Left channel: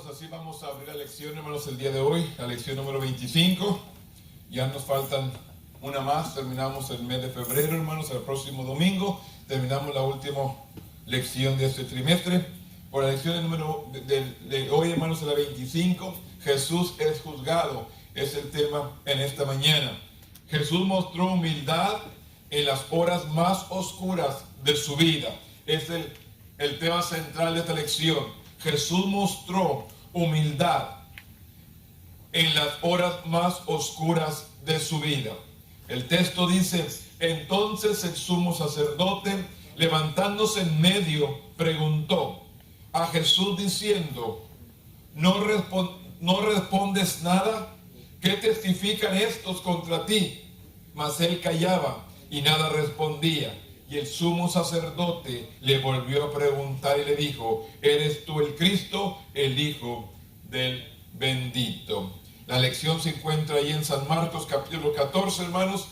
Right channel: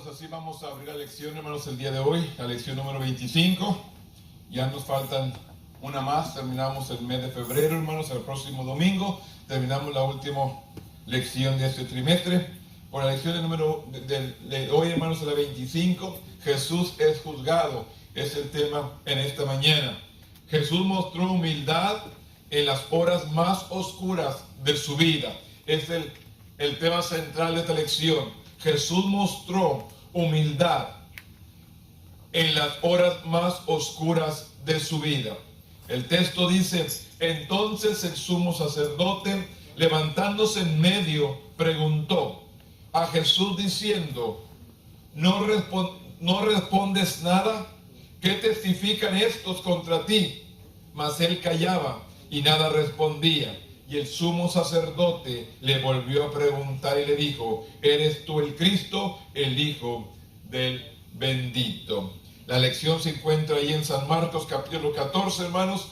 hermanos, así vamos a abrir la lección, hermanos, el día de hoy, la lección número 25. Ya nos faltan una más, terminamos el mes de febrero, hermanos, el próximo domingo terminamos la última lección de este trimestre. Por la lección de hoy, hermanos, la 25, Jesús es juzgado, es el tema en esta mañana. Jesús mostró humildad en las horas más oscuras de su vida. Es el tema central de esta lección. Jesús mostró humildad en las horas más oscuras de su vida. El texto dice: entonces el sumo sacerdote, levantándose en medio, preguntó a Jesús diciendo: ¿No respondes nada? ¿Qué testifican estos contra ti? Mas él callaba y nada respondía. Y el sumo sacerdote le volvió a preguntar y le dijo: ¿eres tú el Cristo, el Hijo del bendito? La lección se encuentra ahí en San Marcos capítulo 14, hermanos.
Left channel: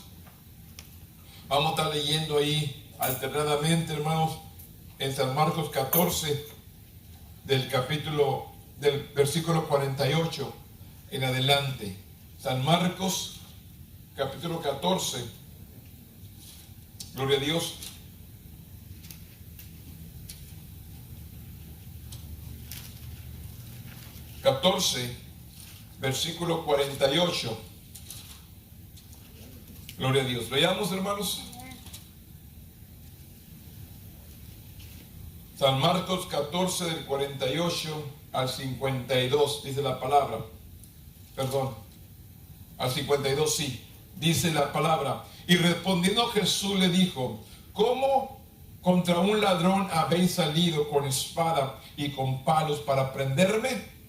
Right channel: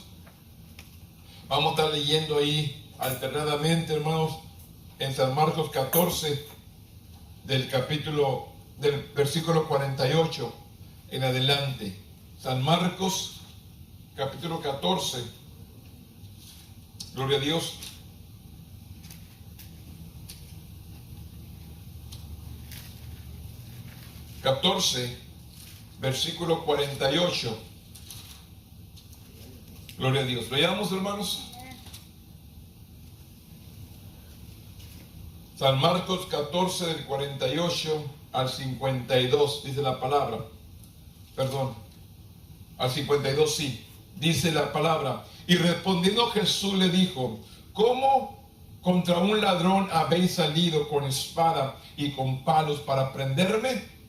Vamos a estar leyendo ahí alternadamente, hermanos, en San Marcos 14, del versículo 48 en adelante. San Marcos capítulo 14, gloria a Dios. Versículo 48. Gloria a Dios. Veamos, hermanos. San Marcos 14, del 48 al 52, dice la palabra. Perdón, al 52 sí. Dice la palabra: y respondiendo Jesús le dijo: ¿cómo contra un ladrón habéis salido con espada y con palos para prenderme?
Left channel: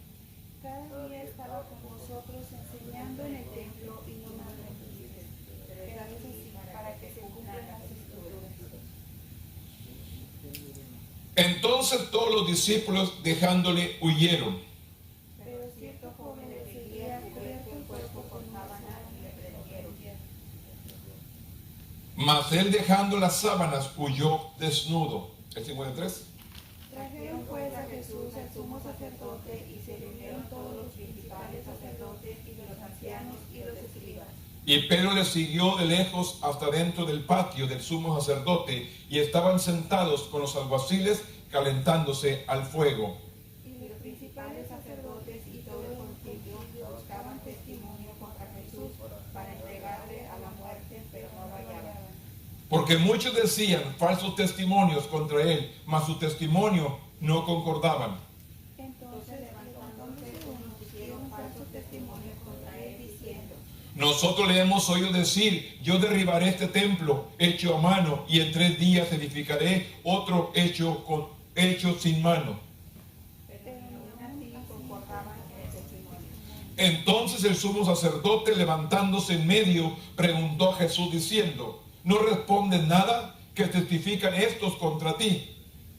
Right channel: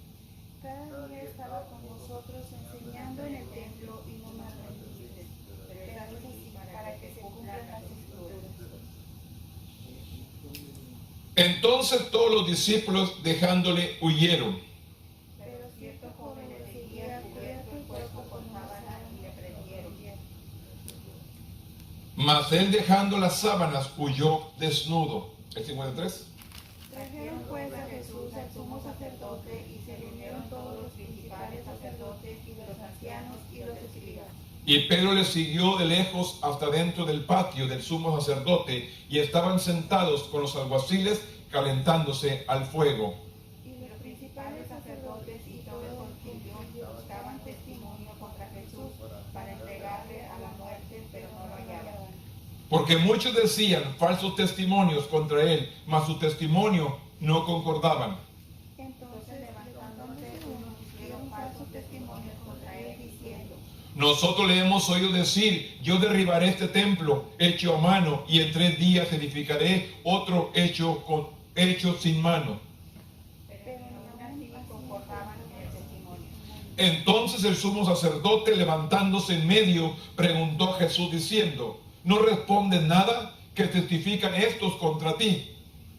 Cada día estaba con vosotros enseñando en el templo y no me aprendiste, pero así para que se cumplan las escrituras. Entonces todos los discípulos, dejándole, huyeron. Pero ciertos jóvenes siguieron cubierto el cuerpo con una sábana y le prendieron. Mas él, dejando las sábanas, huyó desnudo. El 53. Trajeron pues a Jesús al sumo sacerdote y se reunieron todos los principales sacerdotes y los ancianos y los escribas. Y Pedro le siguió de lejos hasta dentro del patio del sumo sacerdote, y estaban sentados con los alguaciles calentándose al fuego. Y los principales sacerdotes y todos los judíos buscaban testimonio contra Jesús para entregarle a la muerte, pero no lo hallaban. Porque muchos decían falsos testimonios contra él, mas su testimonio no concordaban. Entonces levantándose unos dieron falsos testimonios contra él diciendo: Nosotros le hemos oído decir: yo derribaré este templo hecho a mano, y en 3 días edificaré otro hecho sin mano. pero ni aun así concordaban en el testimonio. Entonces el sumo sacerdote, levantándose en medio, preguntó a Jesús diciendo: ¿no responden nada? ¿Qué testifican estos contra ti?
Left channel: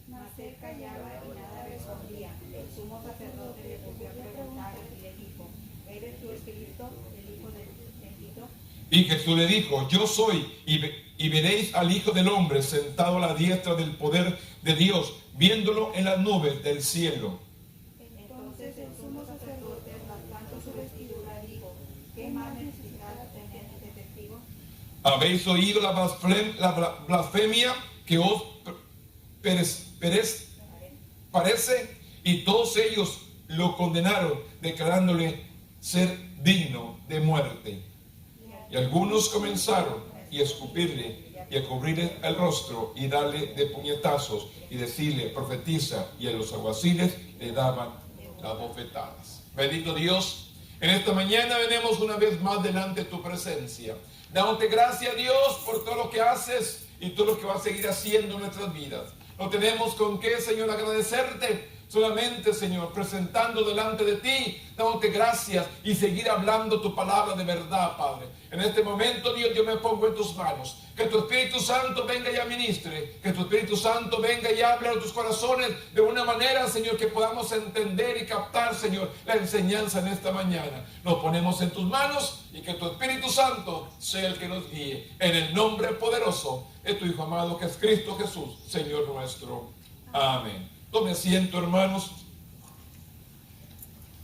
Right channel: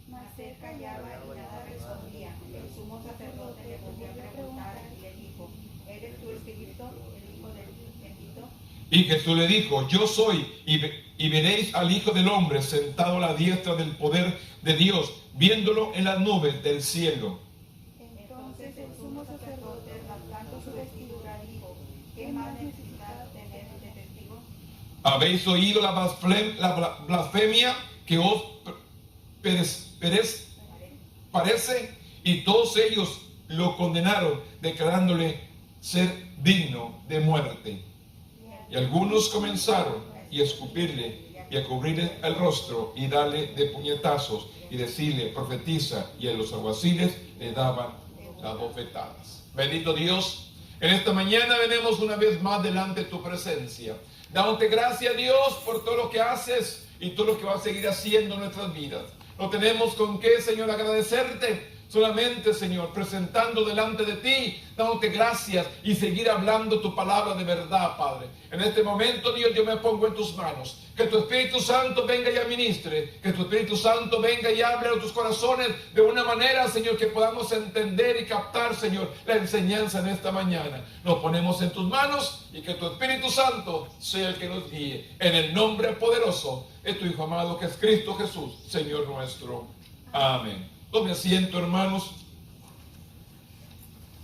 Mas él callaba y nada respondía. El sumo sacerdote le volvió a preguntar y le dijo: ¿eres tú Espíritu, el Hijo del bendito? Y Jesús le dijo: yo soy, y veréis al Hijo del Hombre sentado a la diestra del poder de Dios, viéndolo en las nubes del cielo. Entonces el sumo sacerdote, rasgando su vestidura, dijo: ¿qué más necesitaba tener de testigo? ¿Habéis oído la blasfemia que os parece? Y todos ellos lo condenaron, declarándole ser digno de muerte. Y algunos comenzaron a escupirle y a cubrirle el rostro y darle de puñetazos y decirle: profetiza. Y a los alguaciles le daban las bofetadas. Bendito Dios, en esta mañana venimos una vez más delante de tu presencia, dándote gracias, Dios, por todo lo que haces y todo lo que vas a seguir haciendo en nuestras vidas. No tenemos con qué, Señor, agradecerte. Solamente, Señor, presentando delante de ti, dándote gracias y seguir hablando tu palabra de verdad, Padre. En este momento, Dios, yo me pongo en tus manos. Que tu Espíritu Santo venga y administre. Que tu Espíritu Santo venga y hable a tus corazones de una manera, Señor, que podamos entender y captar, Señor, la enseñanza en esta mañana. Nos ponemos en tus manos y que tu Espíritu Santo sea el que nos guíe. En el nombre poderoso de tu Hijo amado, que es Cristo Jesús, Señor nuestro. Amén. Tome asiento, hermanos.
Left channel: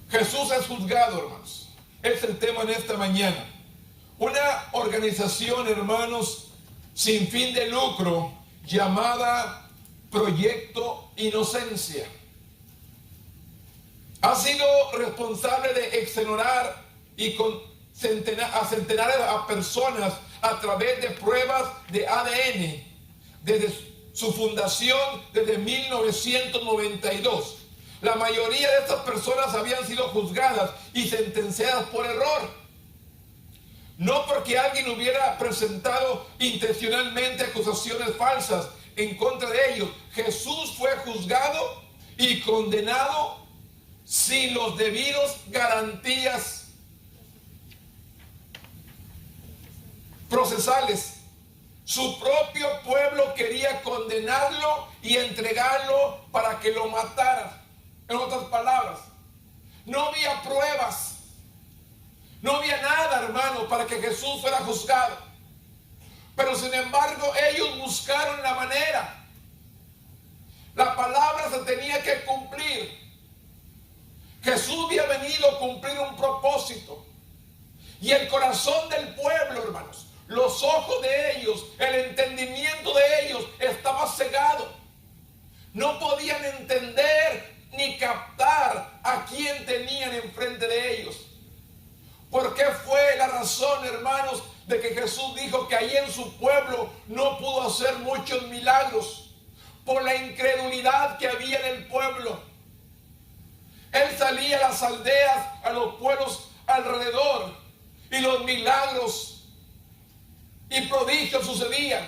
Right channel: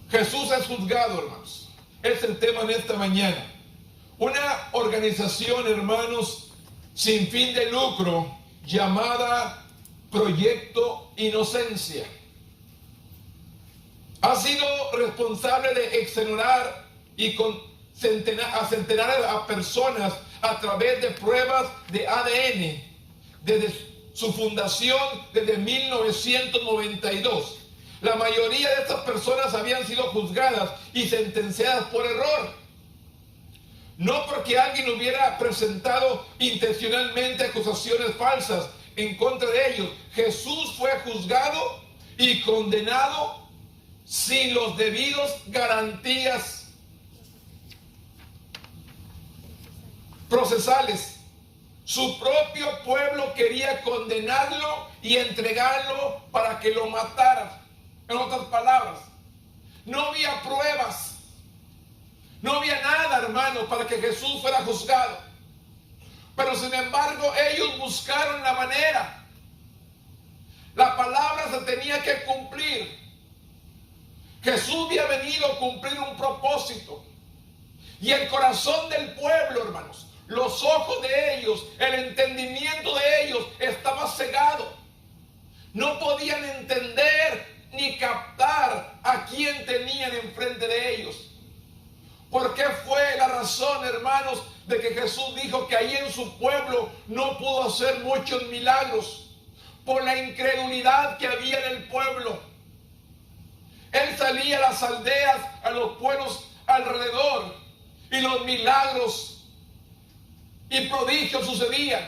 Jesús es juzgado, hermanos. Es el tema en esta mañana. Una organización, hermanos, sin fin de lucro, llamada Proyecto Inocencia, ha sido responsable de exonerar y con centenares de personas a través de pruebas de ADN desde su fundación desde 1992. La mayoría de estas personas habían sido juzgadas y sentenciadas por error. No porque alguien hubiera presentado intencionalmente acusaciones falsas en contra de ellos. Jesús fue juzgado y condenado sin los debidos garantías procesales. Su propio pueblo quería condenarlo y entregarlo para que lo mataran. En otras palabras, no había pruebas, no había nada, hermano, para que Jesús fuera juzgado. Pero sin embargo, ellos buscaron la manera. La palabra se tenía que cumplir. Jesús había venido a cumplir un propósito. Y el corazón del pueblo, hermanos, los ojos de ellos, el entendimiento de ellos estaba cegado. No podían entender ni captar a quién tenían enfrente de ellos. ¿Por qué fue la razón, hermanos, de que Jesús dijo que ahí en su pueblo no pudo hacer muchos milagros? Por la incredulidad que había en el pueblo. Él salía a las aldeas, a los pueblos alrededor, y los milagros y prodigios sucedían,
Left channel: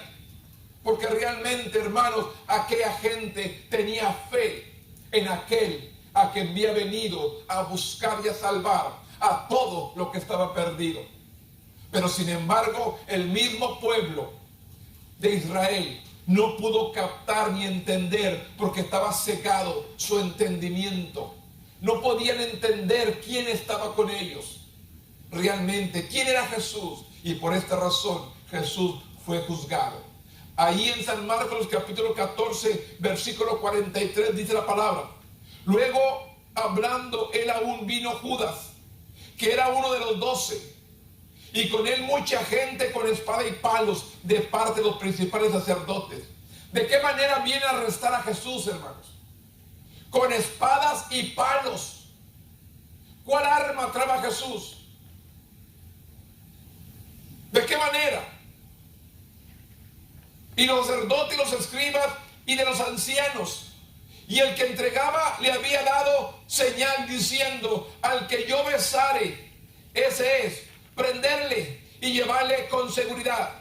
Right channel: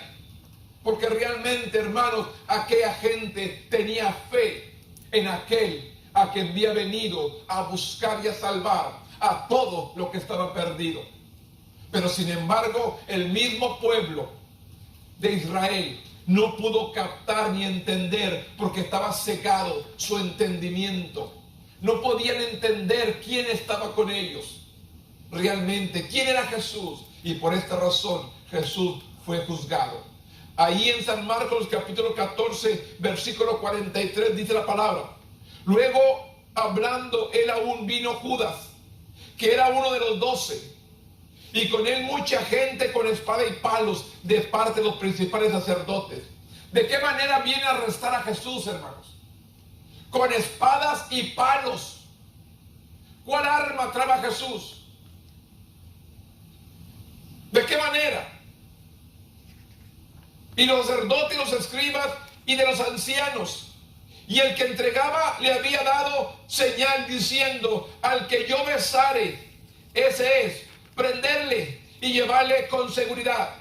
porque realmente, hermanos, aquella gente tenía fe en aquel a quien había venido a buscar y a salvar a todo lo que estaba perdido. Pero sin embargo, el mismo pueblo de Israel no pudo captar ni entender, porque estaba cegado su entendimiento. No podían entender quién estaba con ellos realmente, quién era Jesús, y por esta razón Jesús fue juzgado. Ahí en San Marcos capítulo 14 versículo 43 dice la palabra: luego, hablando él aún, vino Judas, que era uno de los 12, y con él mucha gente con espada y palos de parte de los principales sacerdotes. ¿De qué manera viene a arrestar a Jesús, hermanos? Con espadas y palos. ¿Cuál arma trae Jesús? ¿De qué manera? Y los sacerdotes y los escribas y de los ancianos, y el que entregaba le había dado señal diciendo: al que yo besare, ese es, prenderle y llevarle con seguridad.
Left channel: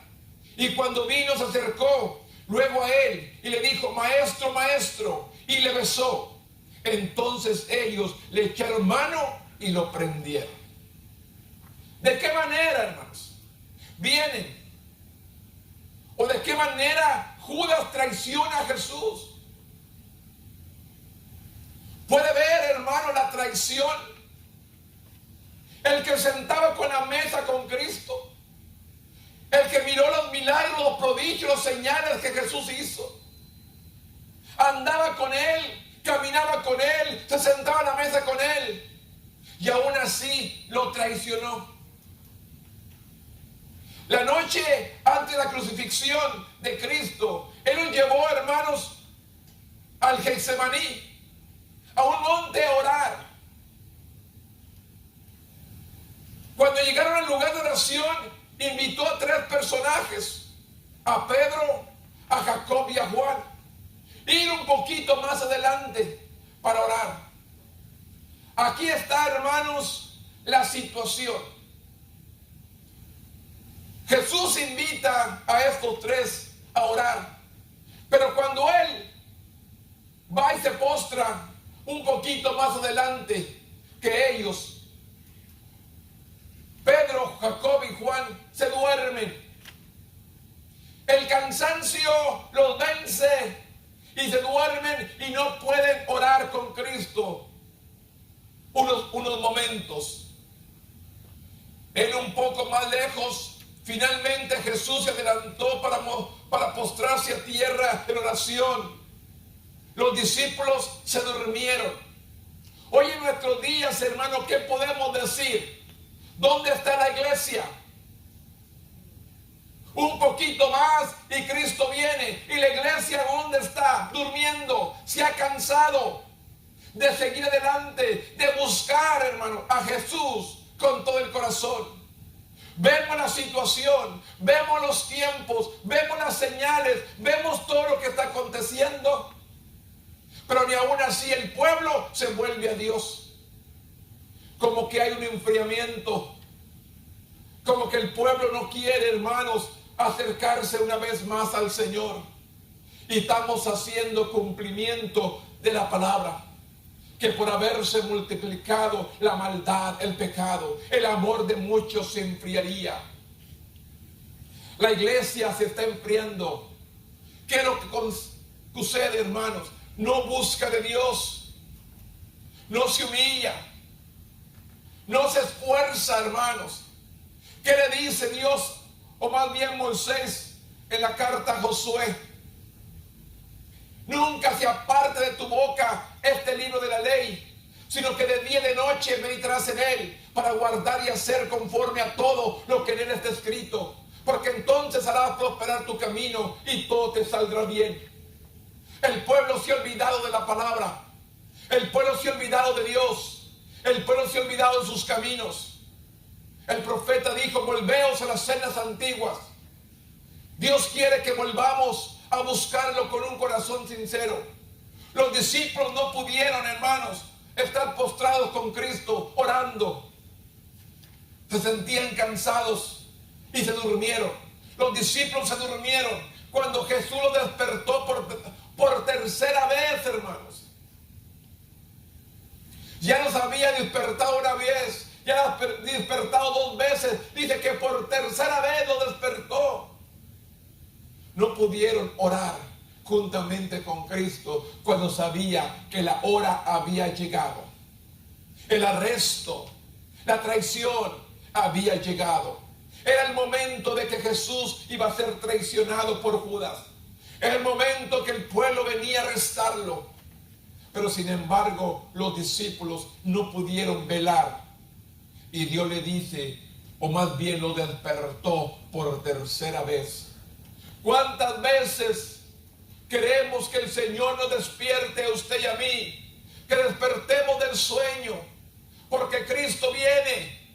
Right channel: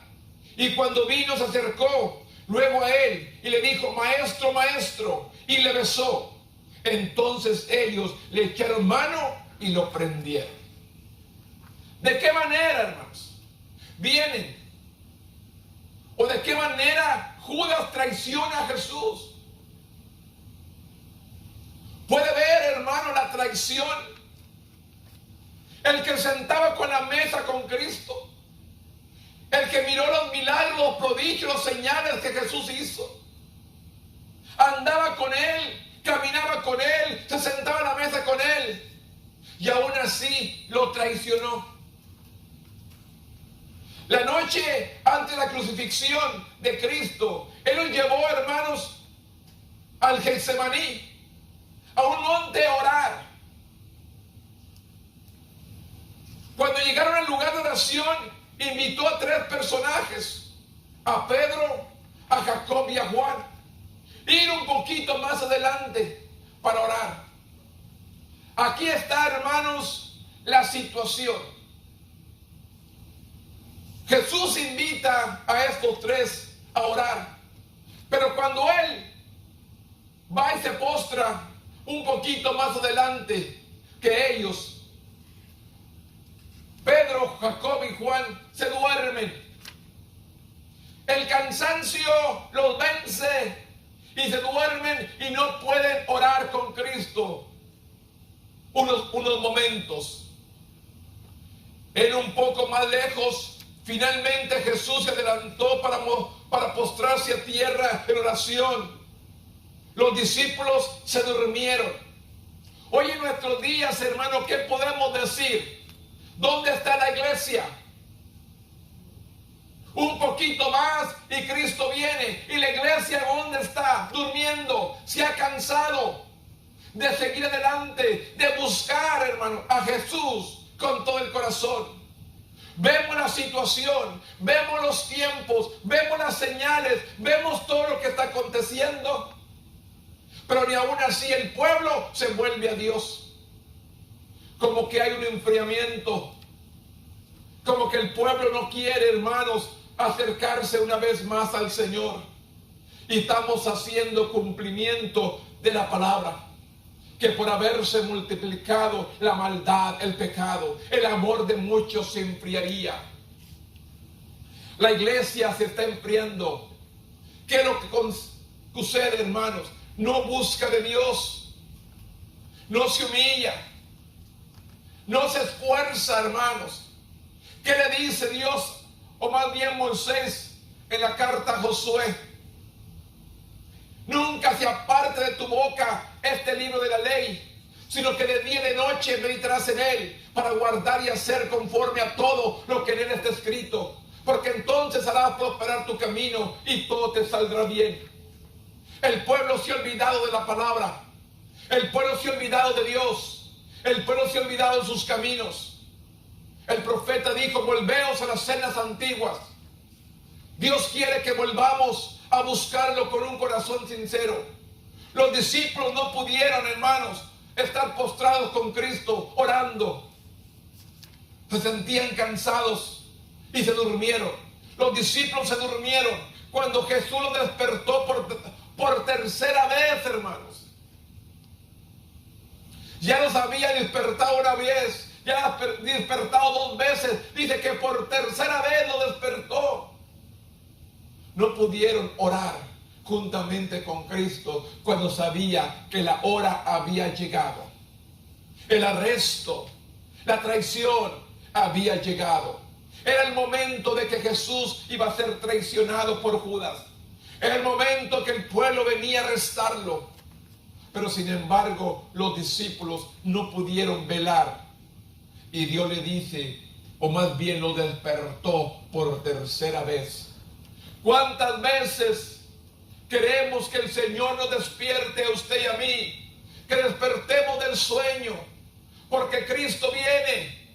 Y cuando vino se acercó luego a él y le dijo: maestro, maestro, y le besó. Entonces ellos le echaron mano y lo prendieron. ¿De qué manera, hermanos, vienen? ¿O de qué manera Judas traiciona a Jesús? Puede ver, hermano, la traición. El que sentaba con la mesa con Cristo, el que miró los milagros, los prodigios, los señales que Jesús hizo, andaba con él, caminaba con él, se sentaba a la mesa con él, y aún así lo traicionó. La noche antes de la crucifixión de Cristo, Él los llevó, hermanos, al Getsemaní, a un monte a orar. Cuando llegaron al lugar de oración, invitó a 3 personajes, a Pedro, a Jacob y a Juan, ir un poquito más adelante para orar. Aquí está, hermanos, la situación. Jesús invita a estos 3 a orar, pero cuando Él va y se postra un poquito más adelante que ellos, Pedro, Jacob y Juan se duermen. El cansancio los vence y se duermen y no pueden orar con Cristo unos momentos. En un poco más lejos, finalmente Jesús se adelantó para postrarse a tierra en oración. Los discípulos se durmieron. Hoy en nuestros días, hermano, ¿qué podemos decir? ¿Dónde está la iglesia? Un poquito más y Cristo viene. ¿Y la iglesia dónde está? Durmiendo. Se ha cansado de seguir adelante, de buscar, hermano, a Jesús con todo el corazón. Vemos la situación, vemos los tiempos, vemos las señales, vemos todo lo que está aconteciendo. Pero ni aún así el pueblo se vuelve a Dios. Como que hay un enfriamiento. Como que el pueblo no quiere, hermanos, acercarse una vez más al Señor. Y estamos haciendo cumplimiento de la palabra. Que por haberse multiplicado la maldad, el pecado, el amor de muchos se enfriaría. La iglesia se está enfriando. ¿Qué es lo que sucede, hermanos? No busca de Dios. No se humilla. No se esfuerza, hermanos. ¿Qué le dice Dios? O más bien Moisés en la carta a Josué. Nunca se aparte de tu boca este libro de la ley, sino que de día y de noche meditarás en él, para guardar y hacer conforme a todo lo que en él está escrito. Porque entonces harás prosperar tu camino y todo te saldrá bien. El pueblo se ha olvidado de la palabra. El pueblo se ha olvidado de Dios. El pueblo se ha olvidado de sus caminos. El profeta dijo: volveos a las sendas antiguas. Dios quiere que volvamos a buscarlo con un corazón sincero. Los discípulos no pudieron, hermanos, estar postrados con Cristo orando. Se sentían cansados y se durmieron. Los discípulos se durmieron cuando Jesús los despertó por tercera vez, hermanos. Ya los había despertado una vez, ya despertado dos veces. Dice que por tercera vez lo despertó. No pudieron orar juntamente con Cristo cuando sabía que la hora había llegado. El arresto, la traición había llegado. Era el momento de que Jesús iba a ser traicionado por Judas. Era el momento que el pueblo venía a arrestarlo. Pero sin embargo, los discípulos no pudieron velar. Y Dios le dice, o más bien lo despertó por tercera vez. ¿Cuántas veces queremos que el Señor nos despierte a usted y a mí? Que despertemos del sueño, porque Cristo viene.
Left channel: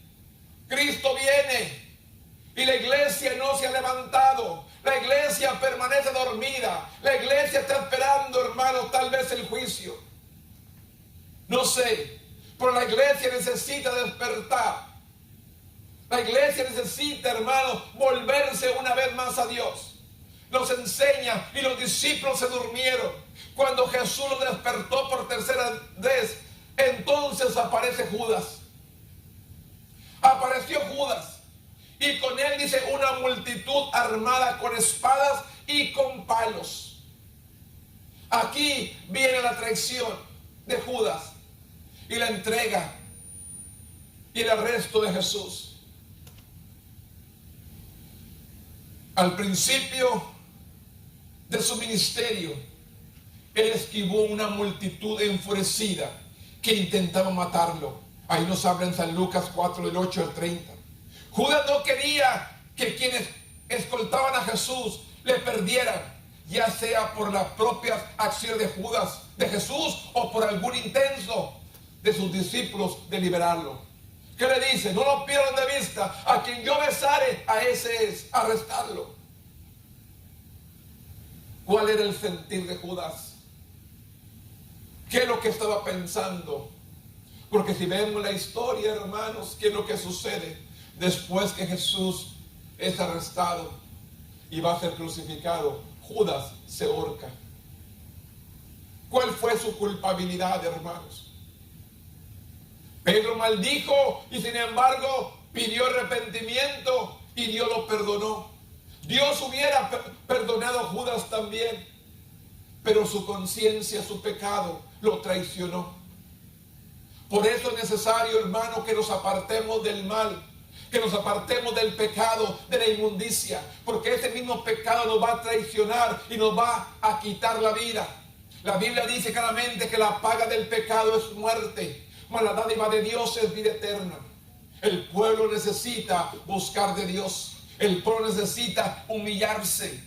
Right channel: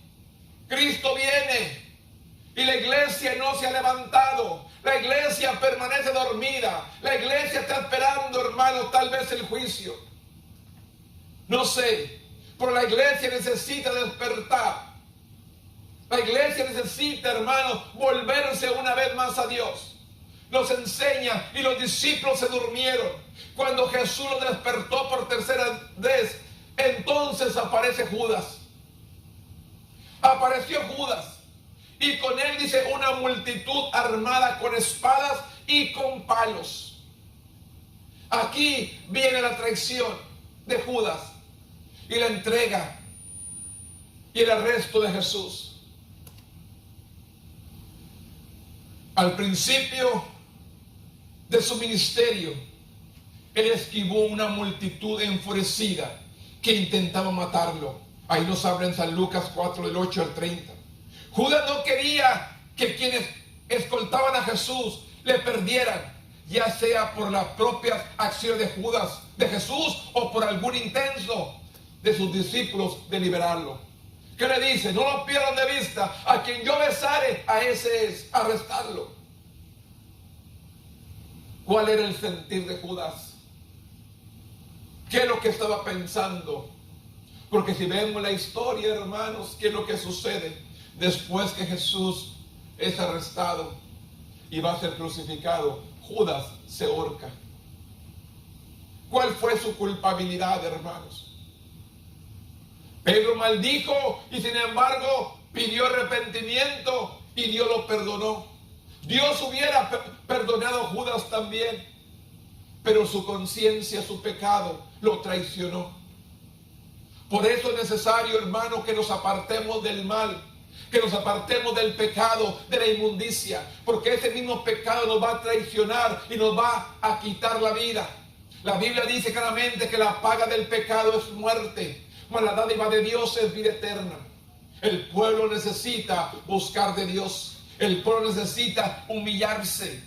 Cristo viene. Y la iglesia no se ha levantado. La iglesia permanece dormida. La iglesia está esperando, hermanos, tal vez el juicio. No sé, pero la iglesia necesita despertar. La iglesia necesita, hermanos, volverse una vez más a Dios. Nos enseña, y los discípulos se durmieron. Cuando Jesús los despertó por tercera vez, entonces aparece Judas. Apareció Judas. Y con él, dice, una multitud armada con espadas y con palos. Aquí viene la traición de Judas y la entrega y el arresto de Jesús. Al principio de su ministerio, él esquivó una multitud enfurecida que intentaba matarlo. Ahí nos habla en San Lucas 4, del 8 al 30. Judas no quería que quienes escoltaban a Jesús le perdieran, ya sea por las propias acciones de Judas, de Jesús, o por algún intento de sus discípulos de liberarlo. ¿Qué le dice? No lo pierdan de vista. A quien yo besare, a ese es, arrestarlo. ¿Cuál era el sentir de Judas? ¿Qué es lo que estaba pensando? Porque si vemos la historia, hermanos, ¿qué es lo que sucede después que Jesús es arrestado y va a ser crucificado? Judas se ahorca. ¿Cuál fue su culpabilidad, hermanos? Pedro maldijo y sin embargo pidió arrepentimiento y Dios lo perdonó. Dios hubiera perdonado a Judas también, pero su conciencia, su pecado, lo traicionó. Por eso es necesario, hermano, que nos apartemos del mal, que nos apartemos del pecado, de la inmundicia, porque ese mismo pecado nos va a traicionar y nos va a quitar la vida. La Biblia dice claramente que la paga del pecado es muerte, mas la dádiva de Dios es vida eterna. El pueblo necesita buscar de Dios. El pueblo necesita humillarse.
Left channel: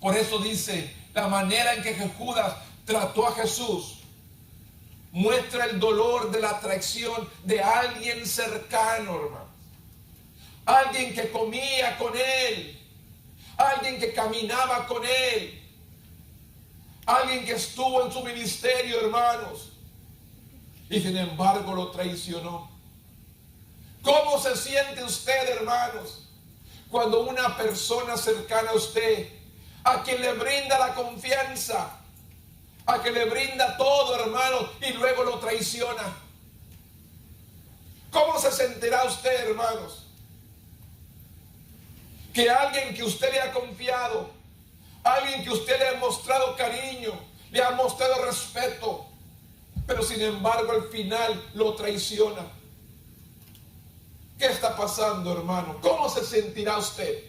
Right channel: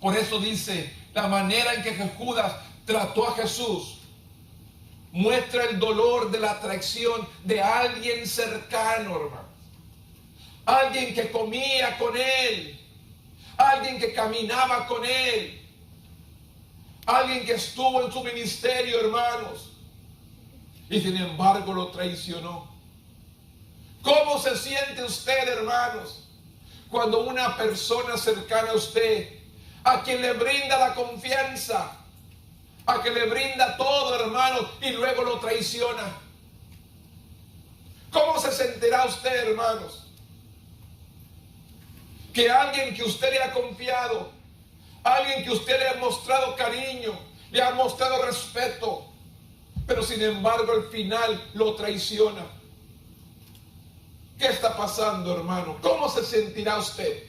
Por eso dice, la manera en que Judas trató a Jesús muestra el dolor de la traición de alguien cercano, hermano. Alguien que comía con él, alguien que caminaba con él, alguien que estuvo en su ministerio, hermanos, y sin embargo lo traicionó. ¿Cómo se siente usted, hermanos, cuando una persona cercana a usted, a quien le brinda la confianza, a quien le brinda todo, hermanos, y luego lo traiciona? ¿Cómo se sentirá usted, hermanos? Que alguien que usted le ha confiado, alguien que usted le ha mostrado cariño, le ha mostrado respeto, pero sin embargo al final lo traiciona. ¿Qué está pasando, hermano? ¿Cómo se sentirá usted?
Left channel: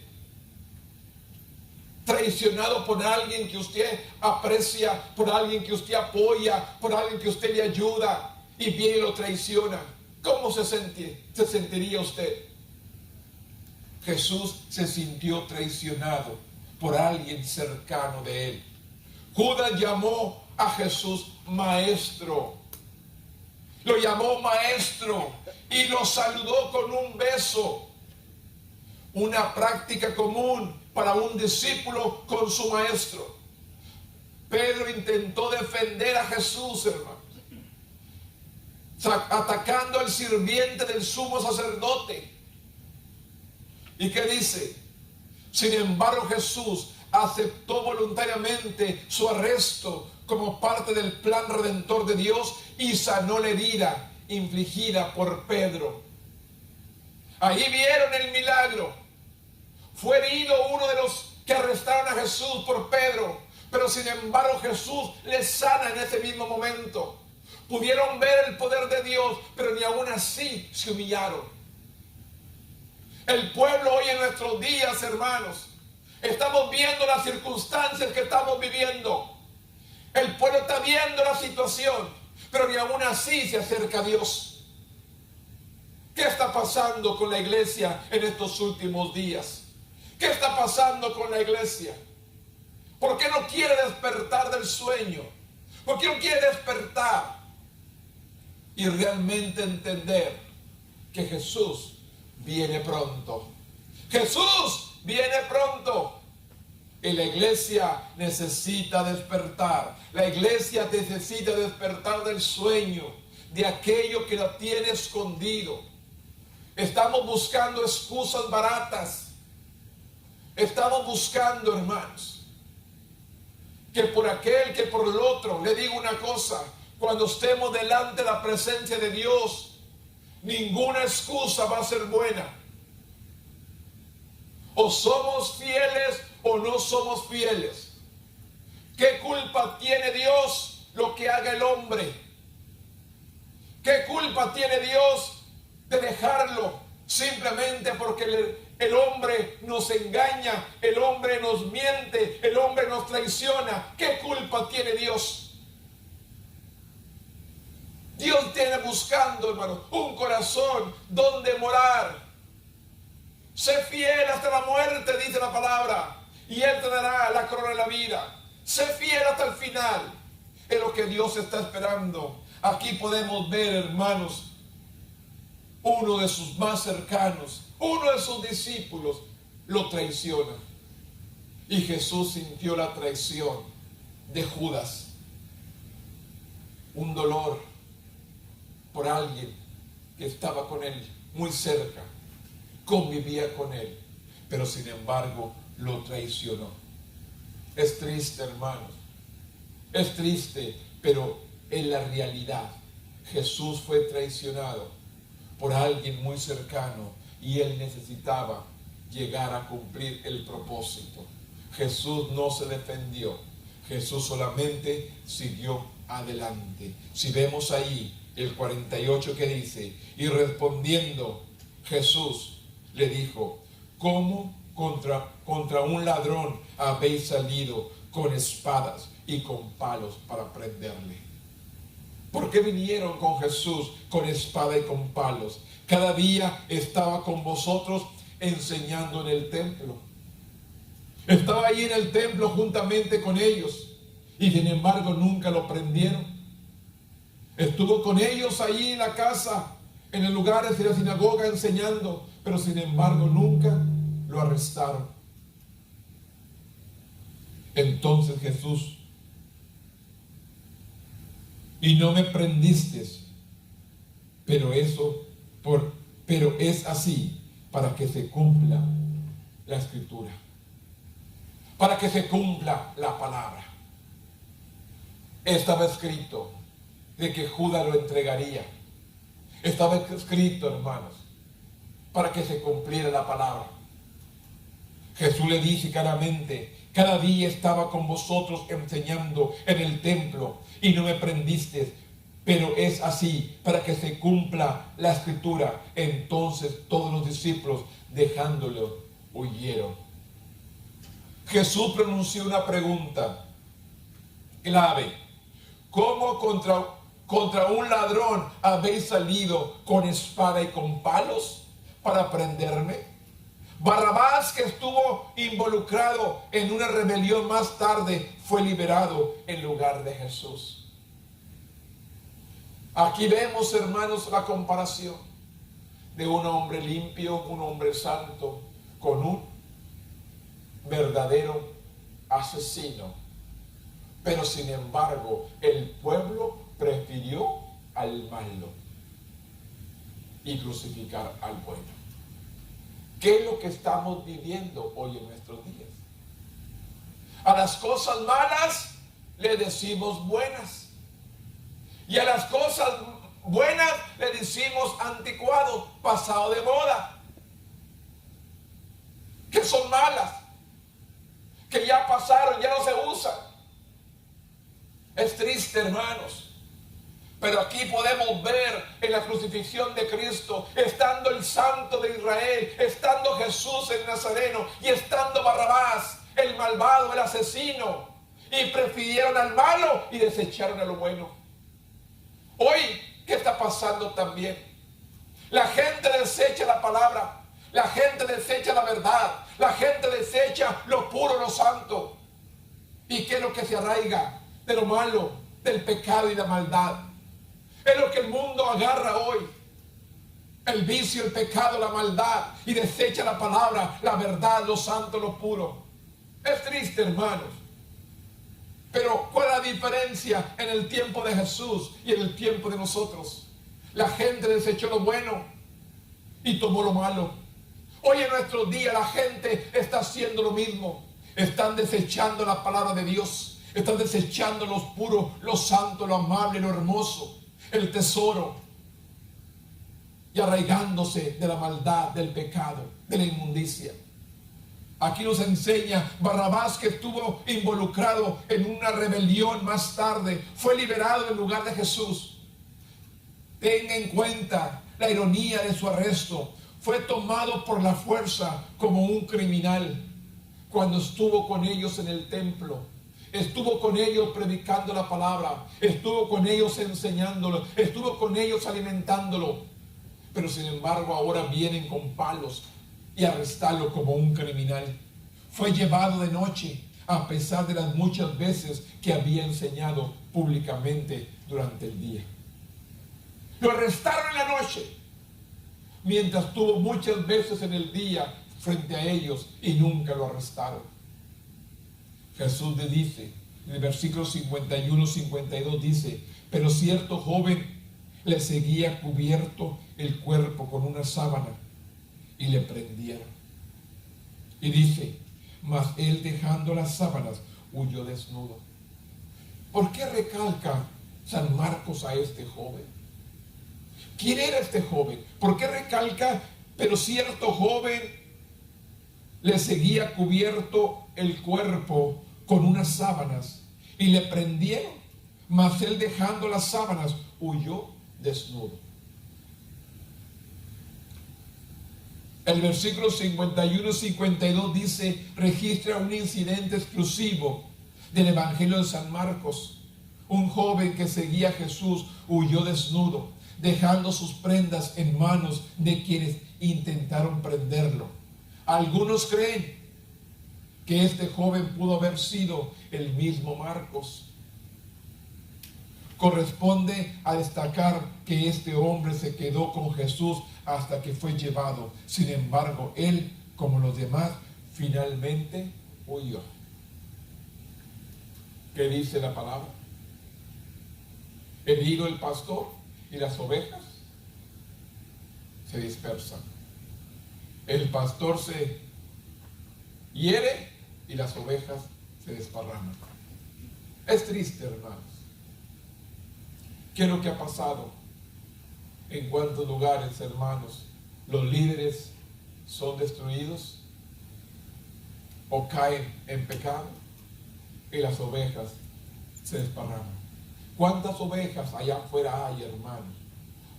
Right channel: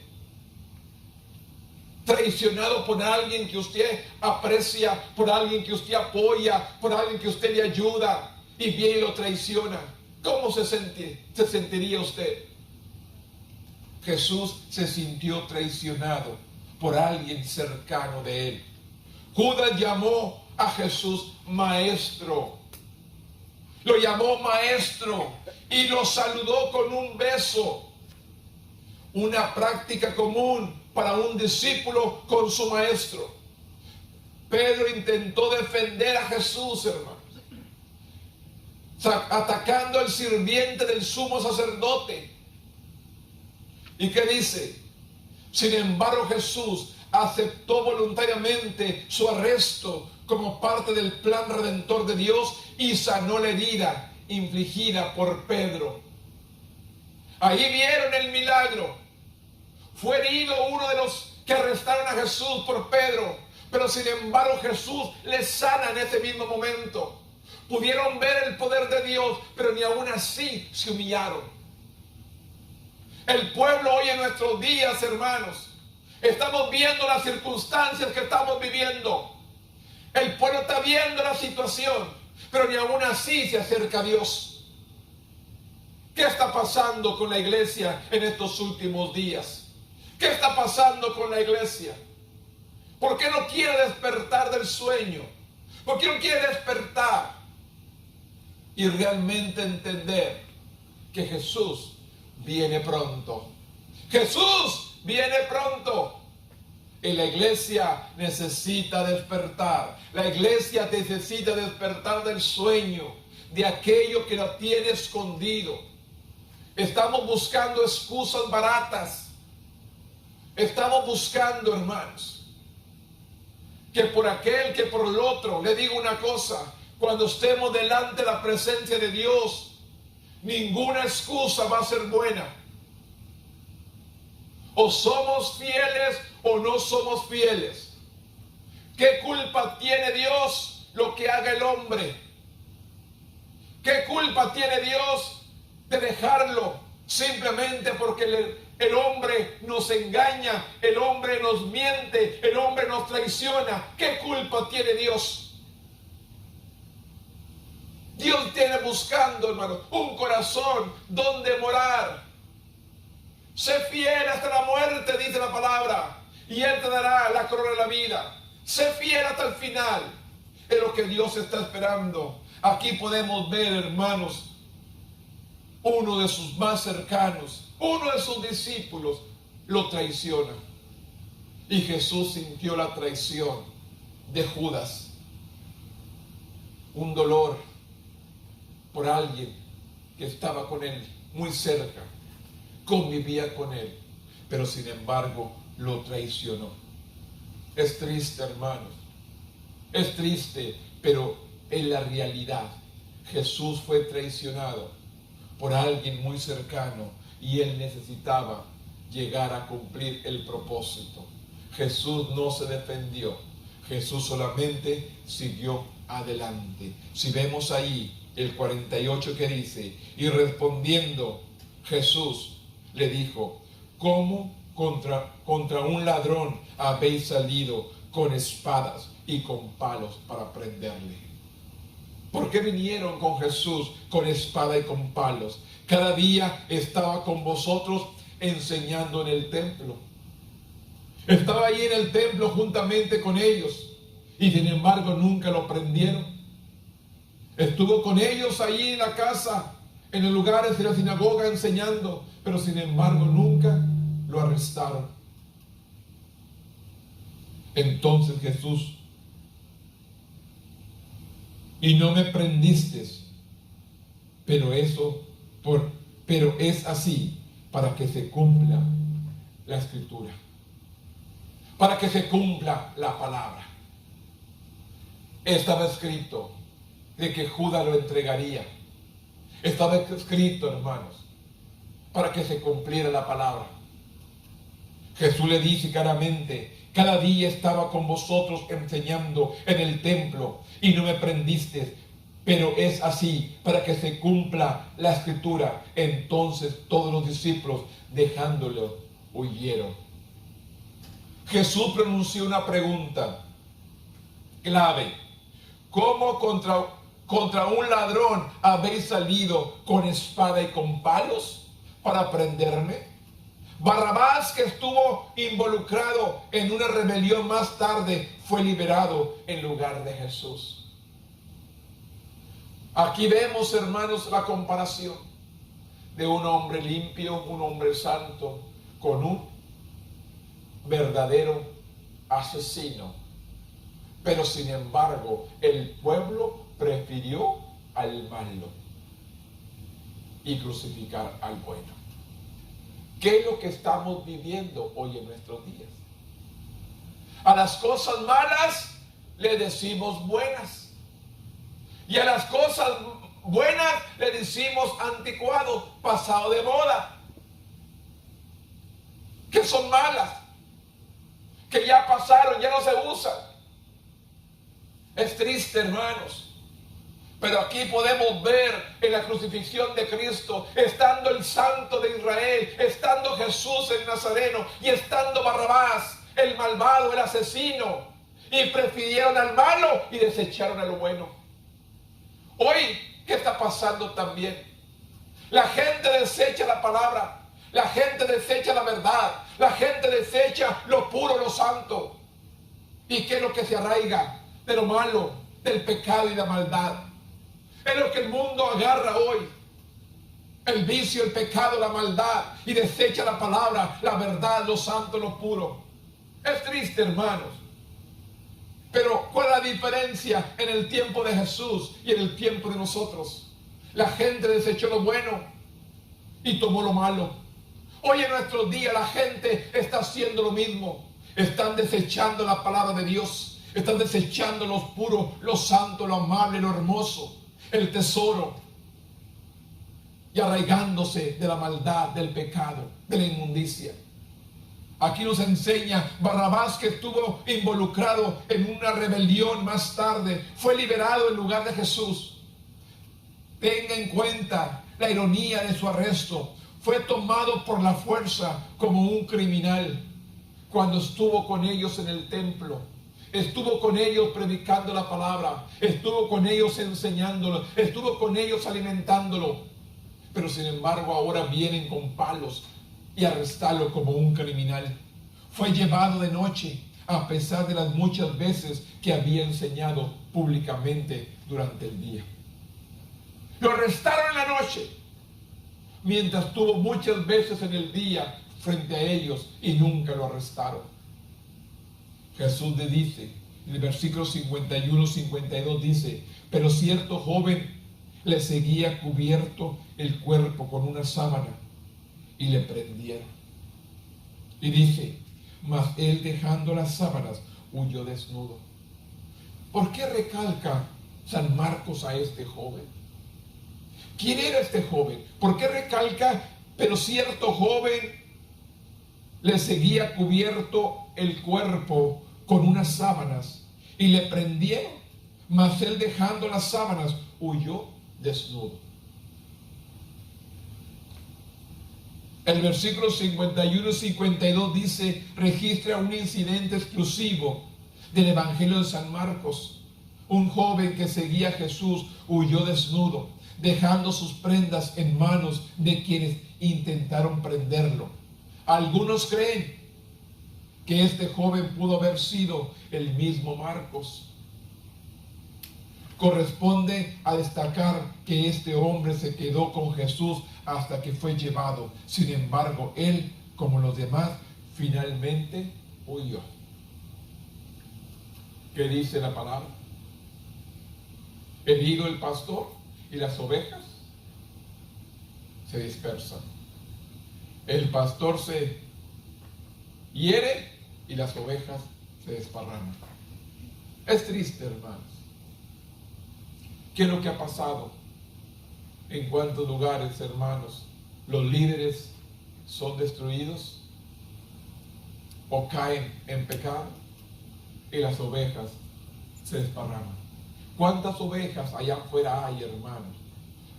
Traicionado por alguien que usted aprecia, por alguien que usted apoya, por alguien que usted le ayuda, y viene y lo traiciona. ¿Cómo se sentiría usted? Jesús se sintió traicionado por alguien cercano de él. Judas llamó a Jesús maestro. Lo llamó maestro y lo saludó con un beso. Una práctica común para un discípulo con su maestro. Pedro intentó defender a Jesús, hermanos, atacando al sirviente del sumo sacerdote. ¿Y qué dice? Sin embargo, Jesús aceptó voluntariamente su arresto como parte del plan redentor de Dios y sanó la herida infligida por Pedro. Ahí vieron el milagro. Fue herido uno de los que arrestaron a Jesús por Pedro, pero sin embargo Jesús le sana en ese mismo momento. Pudieron ver el poder de Dios, pero ni aún así se humillaron. El pueblo hoy en nuestros días, hermanos, estamos viendo las circunstancias que estamos viviendo. El pueblo está viendo la situación, pero ni aún así se acerca a Dios. ¿Qué está pasando con la iglesia en estos últimos días? ¿Qué está pasando con la iglesia? ¿Por qué no quiere despertar del sueño? ¿Por qué no quiere despertar y realmente entender que Jesús viene pronto? Jesús viene pronto. Y la iglesia necesita despertar. La iglesia necesita despertar del sueño, de aquello que la tiene escondido. Estamos buscando excusas baratas. Estamos buscando, hermanos, que por aquel, que por el otro. Le digo una cosa: cuando estemos delante de la presencia de Dios, ninguna excusa va a ser buena. O somos fieles o no somos fieles. ¿Qué culpa tiene Dios lo que haga el hombre? ¿Qué culpa tiene Dios de dejarlo simplemente porque el hombre nos engaña, el hombre nos miente, el hombre nos traiciona? ¿Qué culpa tiene Dios? Dios tiene buscando, hermano, un corazón donde morar. Sé fiel hasta la muerte, dice la palabra, y Él te dará la corona de la vida. Sé fiel hasta el final. Es lo que Dios está esperando. Aquí podemos ver, hermanos, uno de sus más cercanos, uno de sus discípulos, lo traiciona. Y Jesús sintió la traición de Judas. Un dolor por alguien que estaba con él muy cerca, convivía con él, pero sin embargo lo traicionó. Es triste, hermanos, es triste, pero en la realidad Jesús fue traicionado por alguien muy cercano y él necesitaba llegar a cumplir el propósito. Jesús no se defendió, Jesús solamente siguió adelante. Si vemos ahí el 48 que dice: y respondiendo Jesús le dijo: ¿cómo contra un ladrón habéis salido con espadas? y con palos para prenderle. ¿Por qué vinieron con Jesús con espada y con palos? Cada día estaba con vosotros enseñando en el templo. Estaba ahí en el templo juntamente con ellos y sin embargo nunca lo prendieron. Estuvo con ellos ahí en la casa, en los lugares de la sinagoga enseñando, pero sin embargo nunca lo arrestaron. Entonces Jesús: y no me prendiste, pero es así para que se cumpla la escritura, para que se cumpla la palabra. Estaba escrito de que Judas lo entregaría. Estaba escrito, hermanos, para que se cumpliera la palabra. Jesús le dice claramente: cada día estaba con vosotros enseñando en el templo y no me prendiste, pero es así para que se cumpla la escritura. Entonces todos los discípulos, dejándolo, huyeron. Jesús pronunció una pregunta clave: ¿cómo contra un ladrón habéis salido con espada y con palos para prenderme? Barrabás, que estuvo involucrado en una rebelión más tarde, fue liberado en lugar de Jesús. Aquí vemos, hermanos, la comparación de un hombre limpio, un hombre santo, con un verdadero asesino. Pero sin embargo, el pueblo prefirió al malo y crucificar al bueno. ¿Qué es lo que estamos viviendo hoy en nuestros días? A las cosas malas le decimos buenas. Y a las cosas buenas le decimos anticuado, pasado de moda. Que son malas, que ya pasaron, ya no se usan. Es triste, hermanos. Pero aquí podemos ver en la crucifixión de Cristo, estando el Santo de Israel, estando Jesús el Nazareno y estando Barrabás, el malvado, el asesino, y prefirieron al malo y desecharon a lo bueno. Hoy, ¿qué está pasando también? La gente desecha la palabra, la gente desecha la verdad, la gente desecha lo puro, lo santo. ¿Y qué es lo que se arraiga? De lo malo, del pecado y la maldad. Es lo que el mundo agarra hoy: el vicio, el pecado, la maldad, y desecha la palabra, la verdad, lo santo, lo puro. Es triste, hermanos. Pero ¿cuál es la diferencia en el tiempo de Jesús y en el tiempo de nosotros? La gente desechó lo bueno y tomó lo malo. Hoy en nuestros días la gente está haciendo lo mismo. Están desechando la palabra de Dios. Están desechando lo puro, lo santo, lo amable, lo hermoso, el tesoro, y arraigándose de la maldad, del pecado, de la inmundicia. Aquí nos enseña Barrabás, que estuvo involucrado en una rebelión más tarde, fue liberado en lugar de Jesús. Tenga en cuenta la ironía de su arresto. Fue tomado por la fuerza como un criminal cuando estuvo con ellos en el templo. Estuvo con ellos predicando la palabra, estuvo con ellos enseñándolo, estuvo con ellos alimentándolo. Pero sin embargo ahora vienen con palos y arrestarlo como un criminal. Fue llevado de noche, a pesar de las muchas veces que había enseñado públicamente durante el día. Lo arrestaron en la noche, mientras estuvo muchas veces en el día frente a ellos y nunca lo arrestaron. Jesús le dice, en el versículo 51-52 dice: pero cierto joven le seguía cubierto el cuerpo con una sábana y le prendieron. Y dice: mas él, dejando las sábanas, huyó desnudo. ¿Por qué recalca San Marcos a este joven? ¿Quién era este joven? ¿Por qué recalca? Pero cierto joven le seguía cubierto el cuerpo con unas sábanas y le prendieron, mas él, dejando las sábanas, huyó desnudo. El versículo 51-52 dice, registra un incidente exclusivo del Evangelio de San Marcos. Un joven que seguía a Jesús huyó desnudo, dejando sus prendas en manos de quienes intentaron prenderlo. Algunos creen que este joven pudo haber sido el mismo Marcos. Corresponde a destacar que este hombre se quedó con Jesús hasta que fue llevado. Sin embargo, él, como los demás, finalmente huyó. ¿Qué dice la palabra? Herido el pastor y las ovejas se dispersan. El pastor se hiere y las ovejas se desparraman. Es triste, hermanos. ¿Qué es lo que ha pasado? ¿En cuántos lugares, hermanos, los líderes son destruidos o caen en pecado y las ovejas se desparraman? ¿Cuántas ovejas allá afuera hay, hermanos?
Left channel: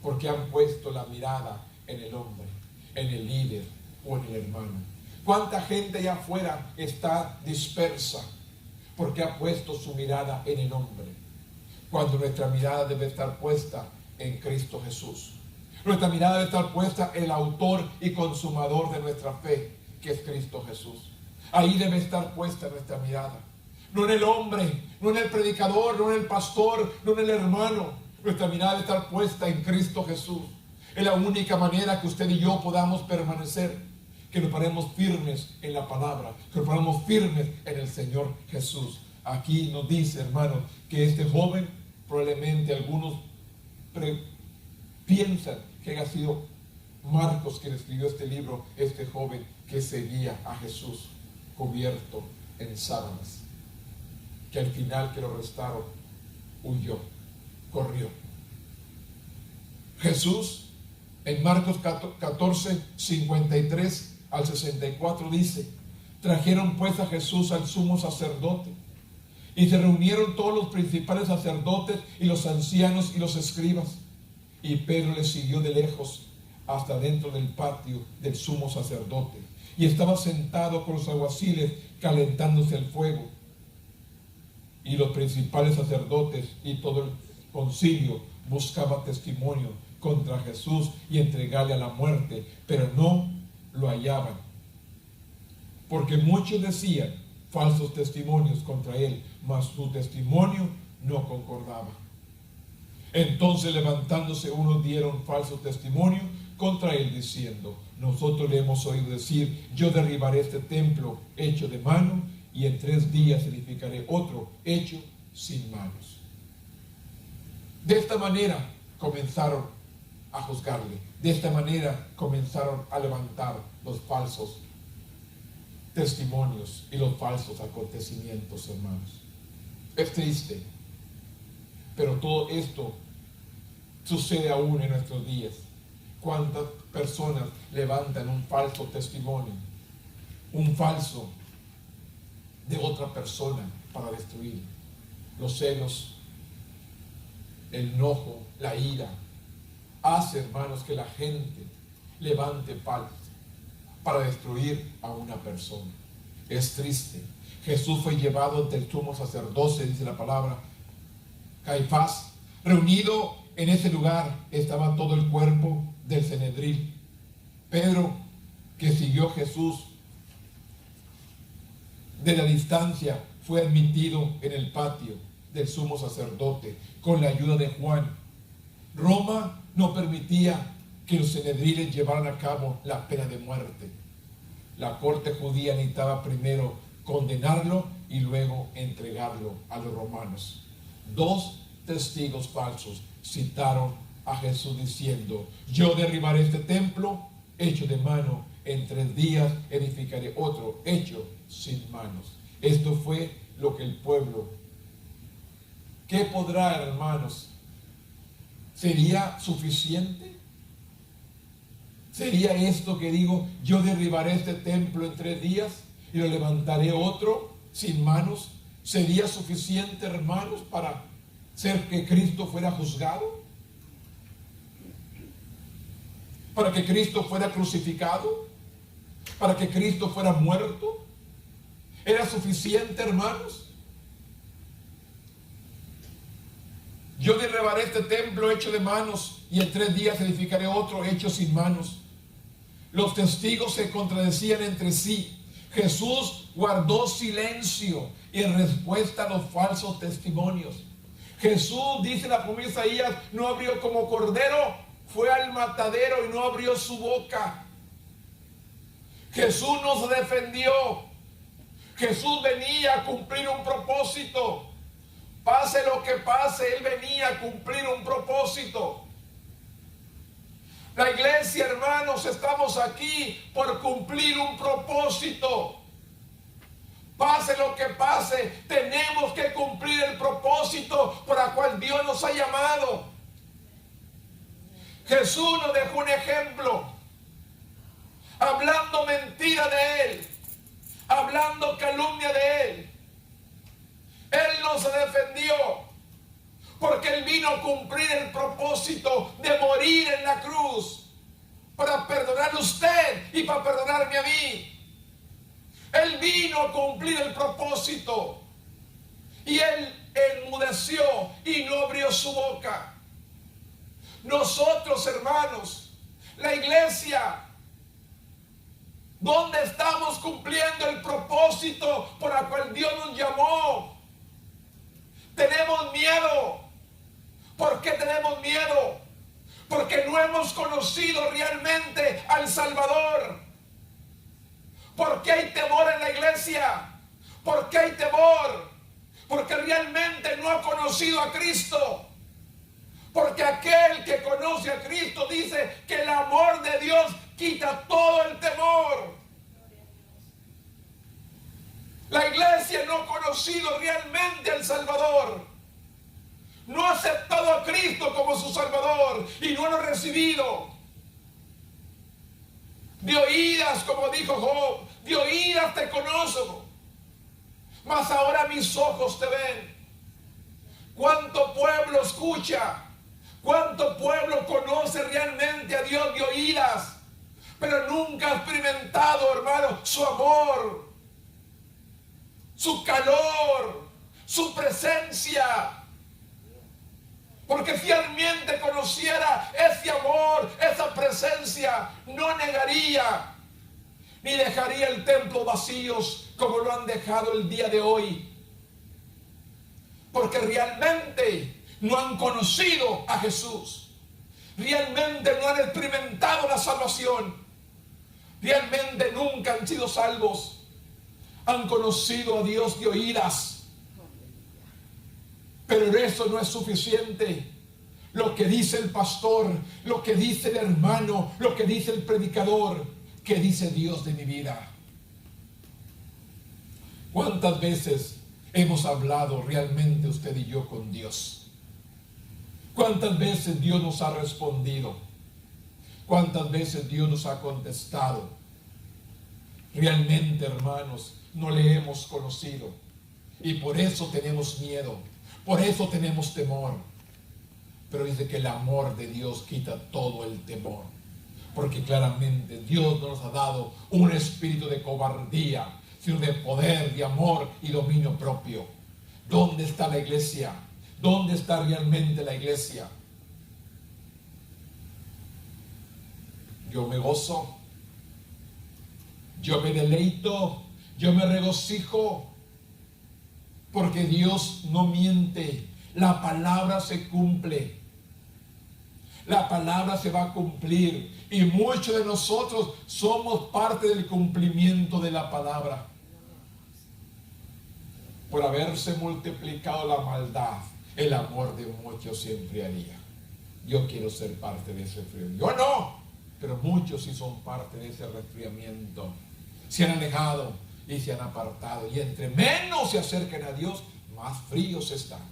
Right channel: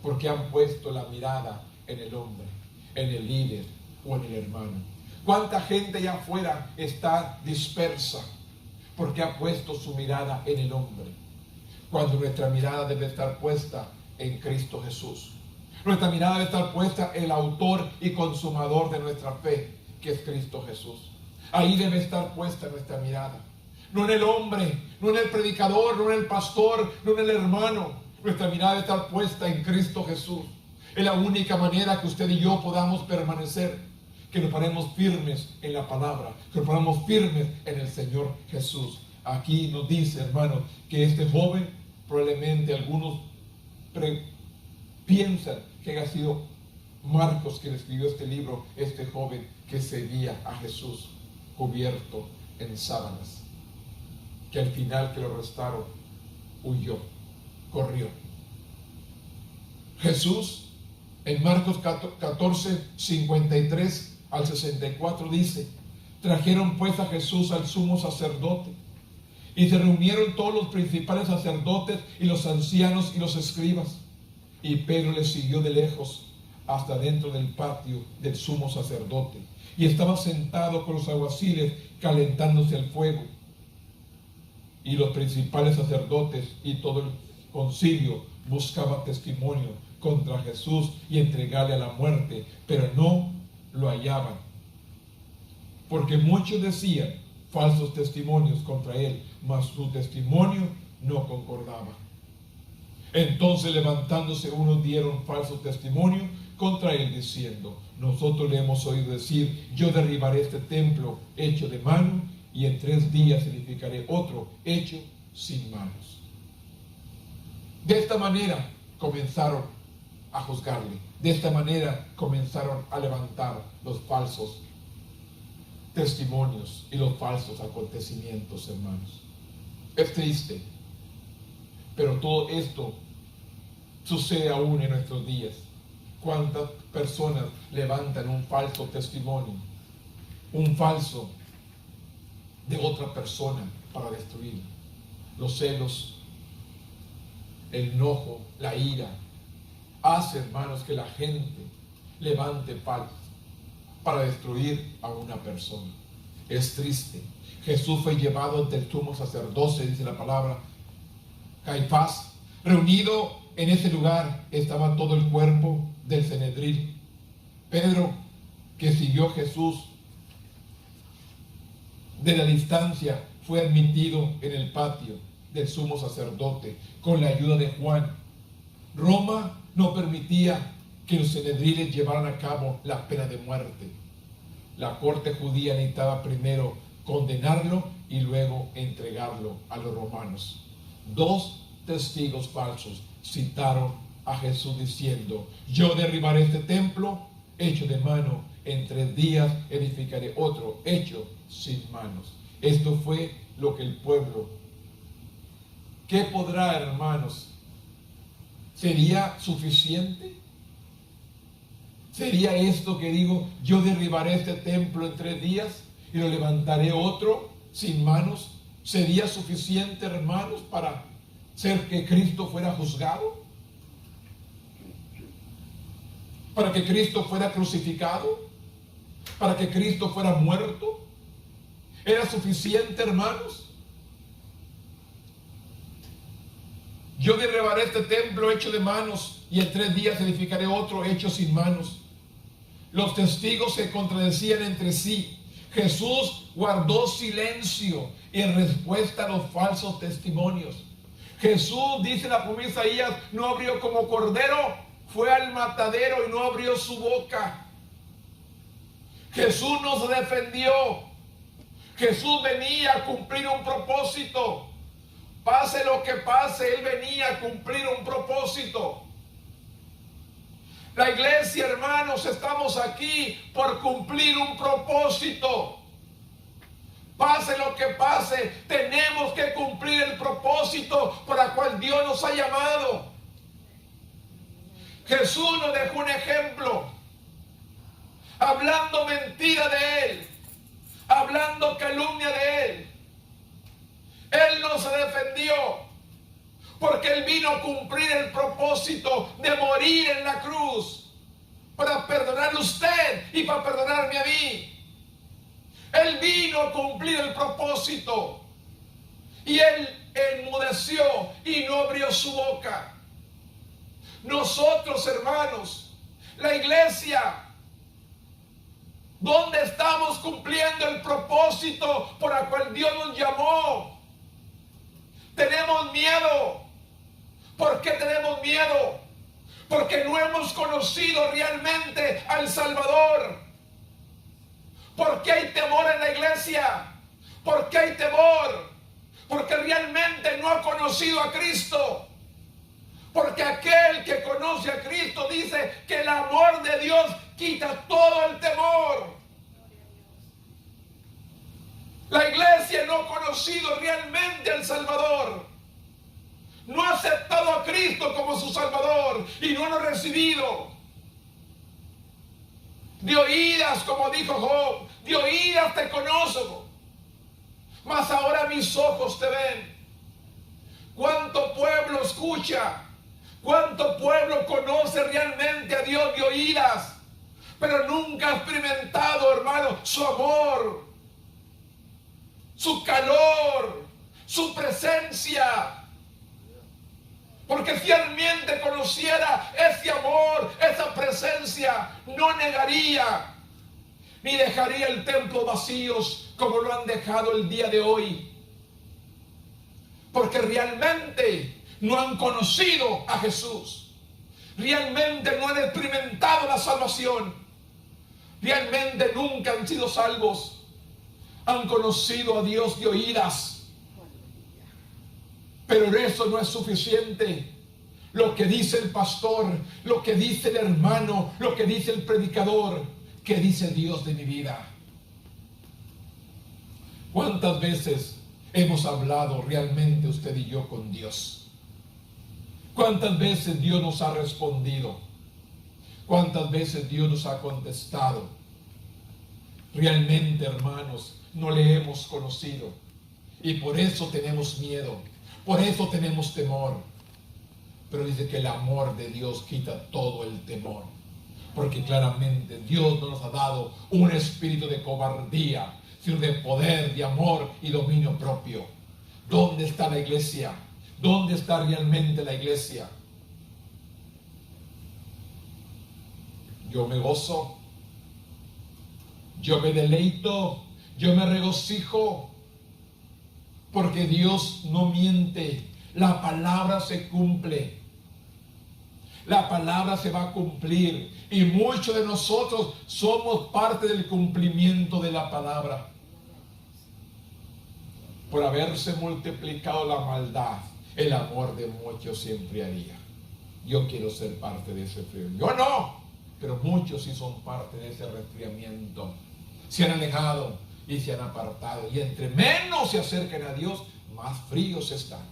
Porque han puesto la mirada en el hombre, en el líder o en el hermano. ¿Cuánta gente allá afuera está dispersa? Porque ha puesto su mirada en el hombre, cuando nuestra mirada debe estar puesta en Cristo Jesús. Nuestra mirada debe estar puesta en el autor y consumador de nuestra fe, que es Cristo Jesús. Ahí debe estar puesta nuestra mirada. No en el hombre, no en el predicador, no en el pastor, no en el hermano. Nuestra mirada debe estar puesta en Cristo Jesús. Es la única manera que usted y yo podamos permanecer, que nos paremos firmes en la palabra, que nos paremos firmes en el Señor Jesús. Aquí nos dice, hermanos, que este joven, probablemente algunos piensan que haya sido Marcos quien escribió este libro, este joven que seguía a Jesús cubierto en sábanas, que al final que lo arrestaron huyó, corrió. Jesús en Marcos 14, 53 al 64 dice: trajeron pues a Jesús al sumo sacerdote, y se reunieron todos los principales sacerdotes y los ancianos y los escribas. Y Pedro les siguió de lejos hasta dentro del patio del sumo sacerdote. Y estaba sentado con los alguaciles calentándose el fuego. Y los principales sacerdotes y todo el concilio buscaban testimonio contra Jesús y entregarle a la muerte, pero no lo hallaban. Porque muchos decían falsos testimonios contra él, mas su testimonio no concordaba. Entonces, levantándose unos, dieron falso testimonio contra él, diciendo: nosotros le hemos oído decir, yo derribaré este templo hecho de mano, y en 3 días edificaré otro hecho sin manos. De esta manera comenzaron a juzgarle. De esta manera comenzaron a levantar los falsos testimonios y los falsos acontecimientos, hermanos. Es triste, pero todo esto sucede aún en nuestros días. ¿Cuántas personas levantan un falso testimonio, un falso de otra persona para destruir? Los celos, el enojo, la ira, hace, hermanos, que la gente levante falsos para destruir a una persona. Es triste. Jesús fue llevado ante el sumo sacerdote, dice la palabra, Caifás. Reunido en ese lugar estaba todo el cuerpo del Sanedrín. Pedro, que siguió a Jesús de la distancia, fue admitido en el patio del sumo sacerdote con la ayuda de Juan. Roma no permitía que los Sanedriles llevaran a cabo la pena de muerte. La corte judía necesitaba primero condenarlo y luego entregarlo a los romanos. 2 testigos falsos citaron a Jesús diciendo: yo derribaré este templo hecho de mano, en 3 días edificaré otro hecho sin manos. Esto fue lo que el pueblo, ¿qué podrá, hermanos? ¿Sería suficiente? ¿Sería esto que digo, yo derribaré este templo en 3 días y lo levantaré otro sin manos? ¿Sería suficiente, hermanos, para hacer que Cristo fuera juzgado? ¿Para que Cristo fuera crucificado? ¿Para que Cristo fuera muerto? ¿Era suficiente, hermanos? Yo derribaré este templo hecho de manos y en 3 días edificaré otro hecho sin manos. Los testigos se contradecían entre sí. Jesús guardó silencio en respuesta a los falsos testimonios. Jesús, dice la promesa Isaías, no abrió como cordero, fue al matadero y no abrió su boca. Jesús nos defendió. Jesús venía a cumplir un propósito. Pase lo que pase, Él venía a cumplir un propósito. La iglesia, hermanos, estamos aquí por cumplir un propósito. Pase lo que pase, tenemos que cumplir el propósito para el cual Dios nos ha llamado. Jesús nos dejó un ejemplo, hablando mentira de Él, hablando calumnia de Él. Él nos defendió, porque Él vino a cumplir el propósito de morir en la cruz, para perdonarle a usted y para perdonarme a mí. Él vino a cumplir el propósito, y Él enmudeció y no abrió su boca. Nosotros, hermanos, la iglesia, ¿dónde estamos cumpliendo el propósito por el cual Dios nos llamó? Tenemos miedo. ¿Por qué tenemos miedo? Porque no hemos conocido realmente al Salvador. ¿Por qué hay temor en la iglesia? ¿Por qué hay temor? Porque realmente no ha conocido a Cristo. Porque aquel que conoce a Cristo dice que el amor de Dios quita todo el temor. La iglesia no ha conocido realmente al Salvador. No ha aceptado a Cristo como su Salvador y no lo ha recibido. De oídas, como dijo Job, de oídas te conozco, mas ahora mis ojos te ven. ¿Cuánto pueblo escucha? ¿Cuánto pueblo conoce realmente a Dios de oídas? Pero nunca ha experimentado, hermano, su amor, su calor, su presencia. Porque si realmente conociera ese amor, esa presencia, no negaría, ni dejaría el templo vacíos como lo han dejado el día de hoy. Porque realmente no han conocido a Jesús. Realmente no han experimentado la salvación. Realmente nunca han sido salvos. Han conocido a Dios de oídas. Pero eso no es suficiente. Lo que dice el pastor, lo que dice el hermano, lo que dice el predicador, ¿qué dice Dios de mi vida? ¿Cuántas veces hemos hablado realmente usted y yo con Dios? ¿Cuántas veces Dios nos ha respondido? ¿Cuántas veces Dios nos ha contestado? Realmente, hermanos, no le hemos conocido. Y por eso tenemos miedo. Por eso tenemos temor. Pero dice que el amor de Dios quita todo el temor. Porque claramente Dios no nos ha dado un espíritu de cobardía, sino de poder, de amor y dominio propio. ¿Dónde está la iglesia? ¿Dónde está realmente la iglesia? Yo me gozo, yo me deleito, yo me regocijo, porque Dios no miente. La palabra se cumple. La palabra se va a cumplir. Y muchos de nosotros somos parte del cumplimiento de la palabra. Por haberse multiplicado la maldad, el amor de muchos se enfriaría. Yo quiero ser parte de ese frío. Yo no, pero muchos sí son parte de ese resfriamiento. Se han alejado y se han apartado. Y entre menos se acerquen a Dios, más fríos están.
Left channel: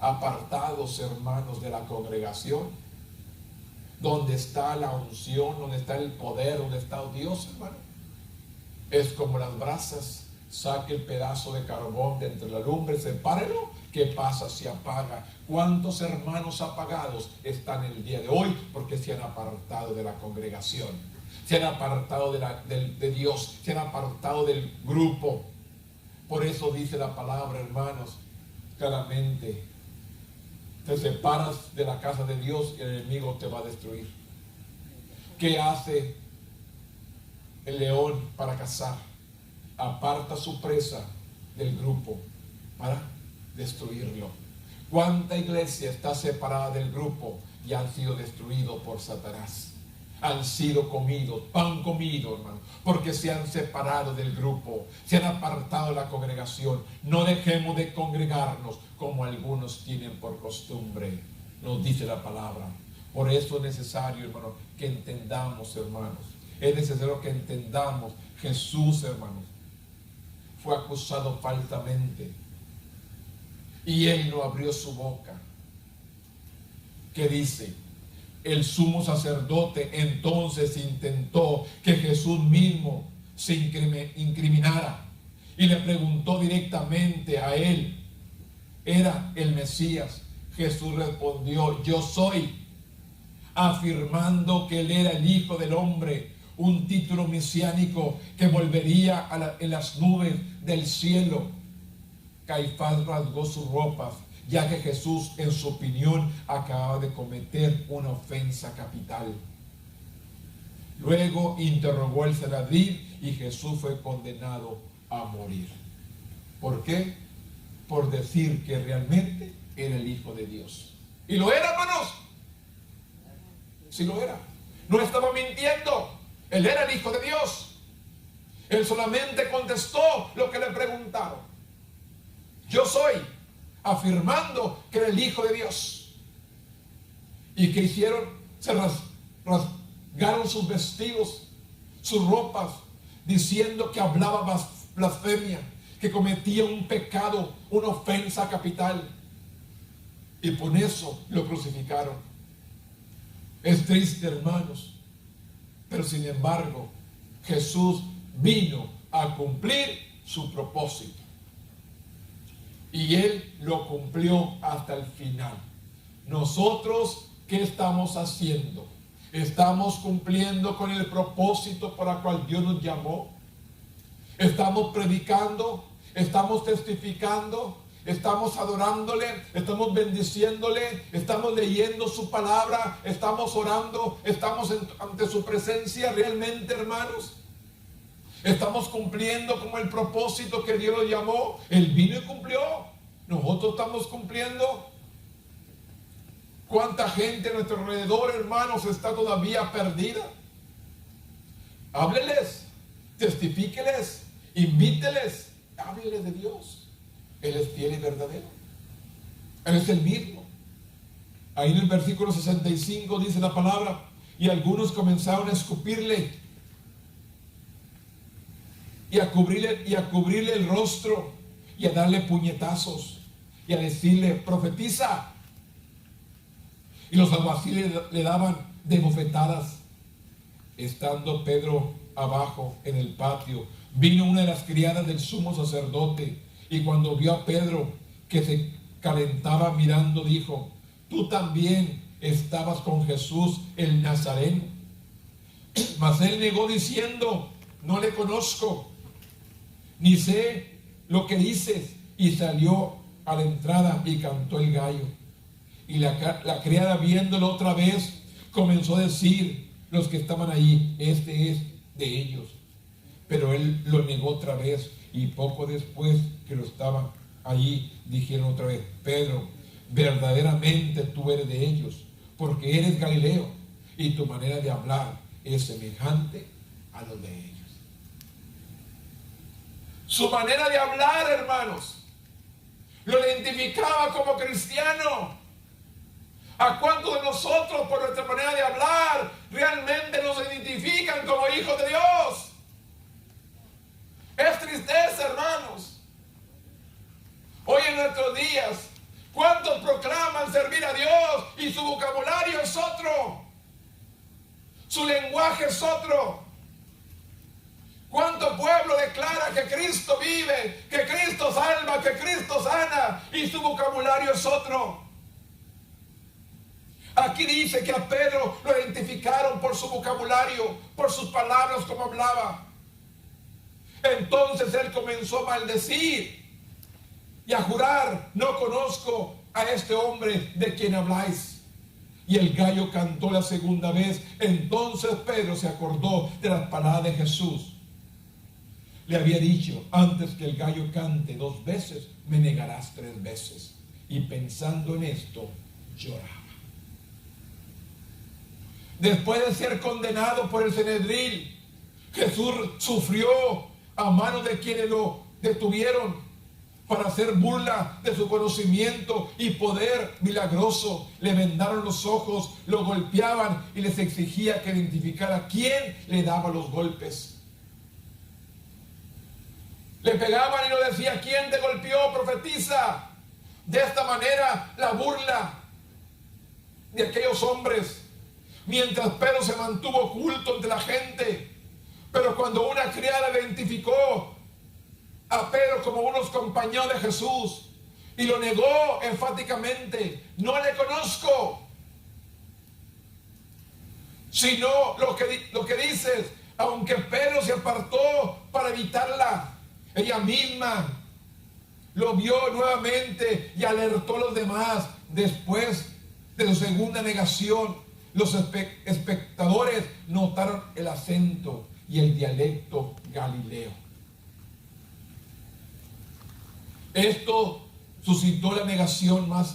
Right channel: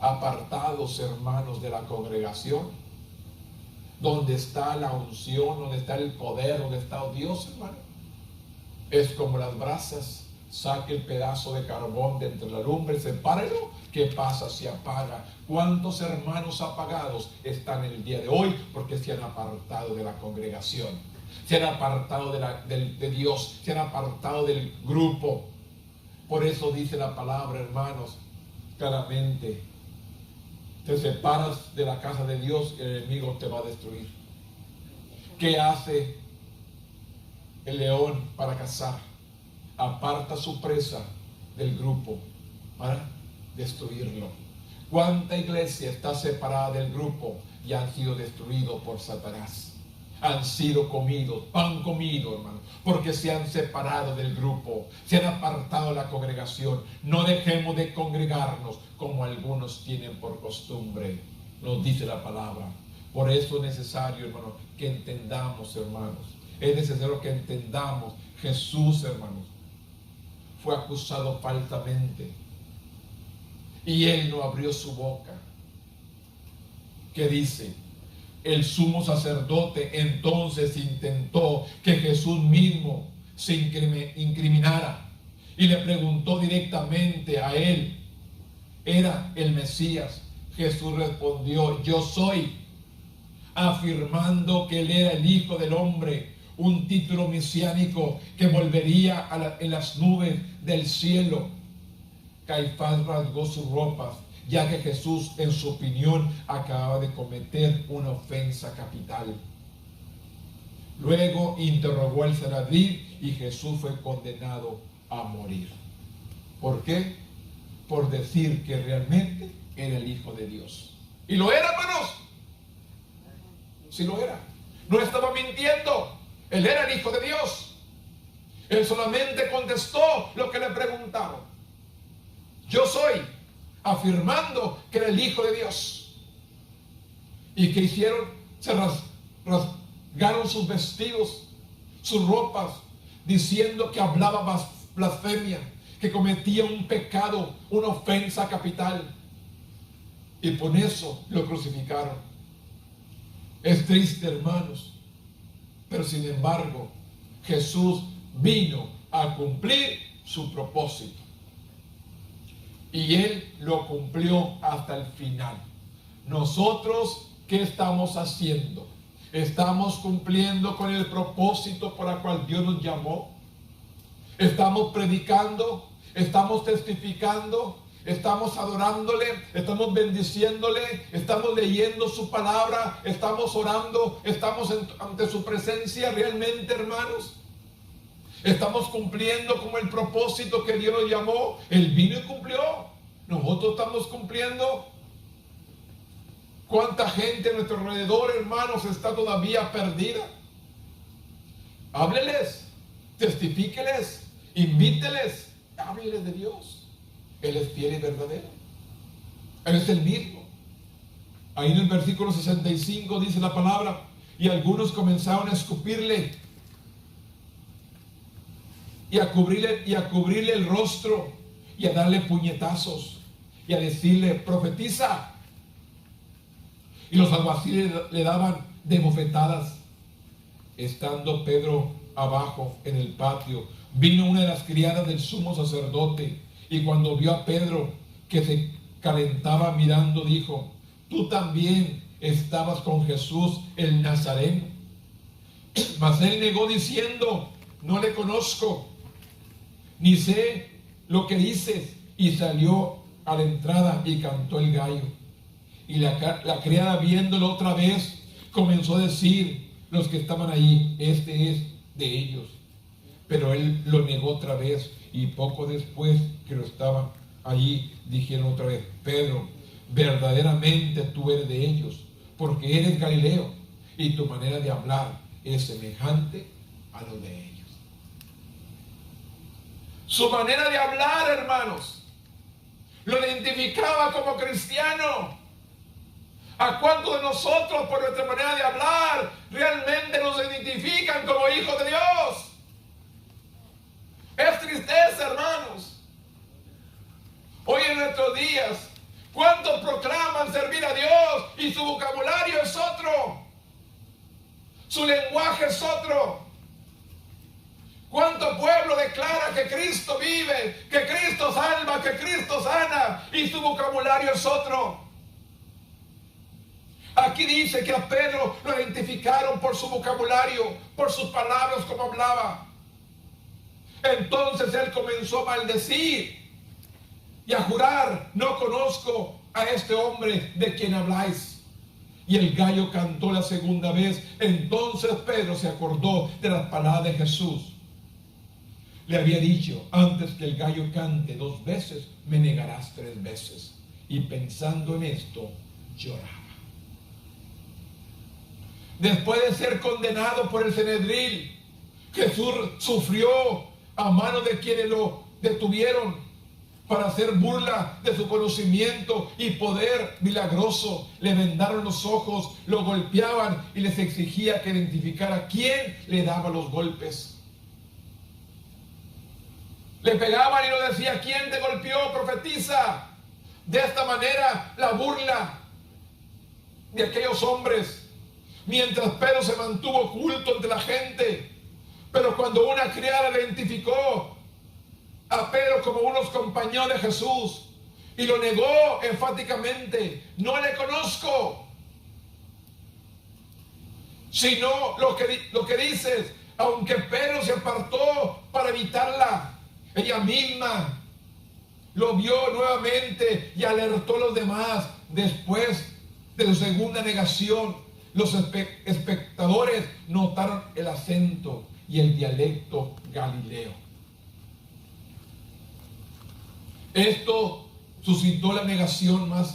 Apartados, hermanos, de la congregación, donde está la unción, donde está el poder, donde está Dios, hermano. Es como las brasas. Saque el pedazo de carbón de entre la lumbre, sepárelo. ¿Qué pasa? Se apaga. ¿Cuántos hermanos apagados están el día de hoy? Porque se han apartado de la congregación, se han apartado de Dios, se han apartado del grupo. Por eso dice la palabra, hermanos, claramente, te separas de la casa de Dios y el enemigo te va a destruir. ¿Qué hace el león para cazar? Aparta su presa del grupo para destruirlo. ¿Cuánta iglesia está separada del grupo y han sido destruidos por Satanás? Han sido comidos, pan comido, hermano, porque se han separado del grupo, se han apartado de la congregación. No dejemos de congregarnos como algunos tienen por costumbre, nos dice la palabra. Por eso es necesario, hermano, que entendamos, hermanos. Es necesario que entendamos. Jesús, hermanos, fue acusado falsamente y él no abrió su boca. ¿Qué dice? El sumo sacerdote entonces intentó que Jesús mismo se incriminara y le preguntó directamente a él, ¿era el Mesías? Jesús respondió, yo soy, afirmando que él era el Hijo del Hombre, un título mesiánico que volvería en las nubes del cielo. Caifás rasgó sus ropas, ya que Jesús, en su opinión, acababa de cometer una ofensa capital. Luego interrogó al Sanedrín y Jesús fue condenado a morir. ¿Por qué? Por decir que realmente era el Hijo de Dios. Y lo era, hermanos. Sí lo era. No estaba mintiendo. Él era el Hijo de Dios. Él solamente contestó lo que le preguntaron. Yo soy, afirmando que era el Hijo de Dios. ¿Y qué hicieron? Se rasgaron sus vestidos, sus ropas, diciendo que hablaba blasfemia, que cometía un pecado, una ofensa capital. Y por eso lo crucificaron. Es triste, hermanos, pero sin embargo, Jesús vino a cumplir su propósito. Y Él lo cumplió hasta el final. Nosotros, ¿qué estamos haciendo? ¿Estamos cumpliendo con el propósito por el cual Dios nos llamó? ¿Estamos predicando? ¿Estamos testificando? ¿Estamos adorándole? ¿Estamos bendiciéndole? ¿Estamos leyendo su palabra? ¿Estamos orando? ¿Estamos ante su presencia realmente, hermanos? ¿Estamos cumpliendo con el propósito que Dios nos llamó? Él vino y cumplió. Nosotros estamos cumpliendo. ¿Cuánta gente a nuestro alrededor, hermanos, está todavía perdida? Hábleles, testifíqueles, invíteles, hábleles de Dios. Él es fiel y verdadero. Él es el mismo. Ahí en el versículo 65 dice la palabra, y algunos comenzaron a escupirle y a cubrirle el rostro y a darle puñetazos y a decirle, profetiza. Y los alguaciles le daban de bofetadas. Estando Pedro abajo en el patio, vino una de las criadas del sumo sacerdote, y cuando vio a Pedro que se calentaba mirando, dijo, tú también estabas con Jesús el Nazareno. Mas él negó diciendo, no le conozco, ni sé lo que dices. Y salió a la entrada y cantó el gallo. Y la criada, viéndolo otra vez, comenzó a decir los que estaban ahí, este es de ellos. Pero él lo negó otra vez, y poco después que lo estaban ahí, dijeron otra vez, Pedro, verdaderamente tú eres de ellos, porque eres Galileo, y tu manera de hablar es semejante a lo de ellos. Su manera de hablar, hermanos, lo identificaba como cristiano. ¿A cuántos de nosotros, por nuestra manera de hablar, realmente nos identifican como hijos de Dios? Es tristeza, hermanos. Hoy en nuestros días, ¿cuántos proclaman servir a Dios y su vocabulario es otro? Su lenguaje es otro. ¿Cuánto pueblo declara que Cristo vive, que Cristo salva, que Cristo sana y su vocabulario es otro? Aquí dice que a Pedro lo identificaron por su vocabulario, por sus palabras como hablaba. Entonces él comenzó a maldecir. y a jurar: no conozco a este hombre de quien habláis. Y el gallo cantó la segunda vez. Entonces Pedro se acordó de las palabras de Jesús. Le había dicho: antes que el gallo cante 2 veces, me negarás 3 veces. Y pensando en esto, lloraba. Después de ser condenado por el Sanedrín, Jesús sufrió a manos de quienes lo detuvieron para hacer burla de su conocimiento y poder milagroso. Le vendaron los ojos, lo golpeaban y les exigía que identificara quién le daba los golpes. Le pegaban y lo decía: ¿quién te golpeó? Profetiza. De esta manera, la burla de aquellos hombres, mientras Pedro se mantuvo oculto entre la gente. Pero cuando una criada identificó a Pedro como uno de los compañeros de Jesús y lo negó enfáticamente: no le conozco. Sino lo que dices, aunque Pedro se apartó para evitarla, ella misma lo vio nuevamente y alertó a los demás. Después de su segunda negación, los espectadores notaron el acento y el dialecto galileo. Esto suscitó la negación más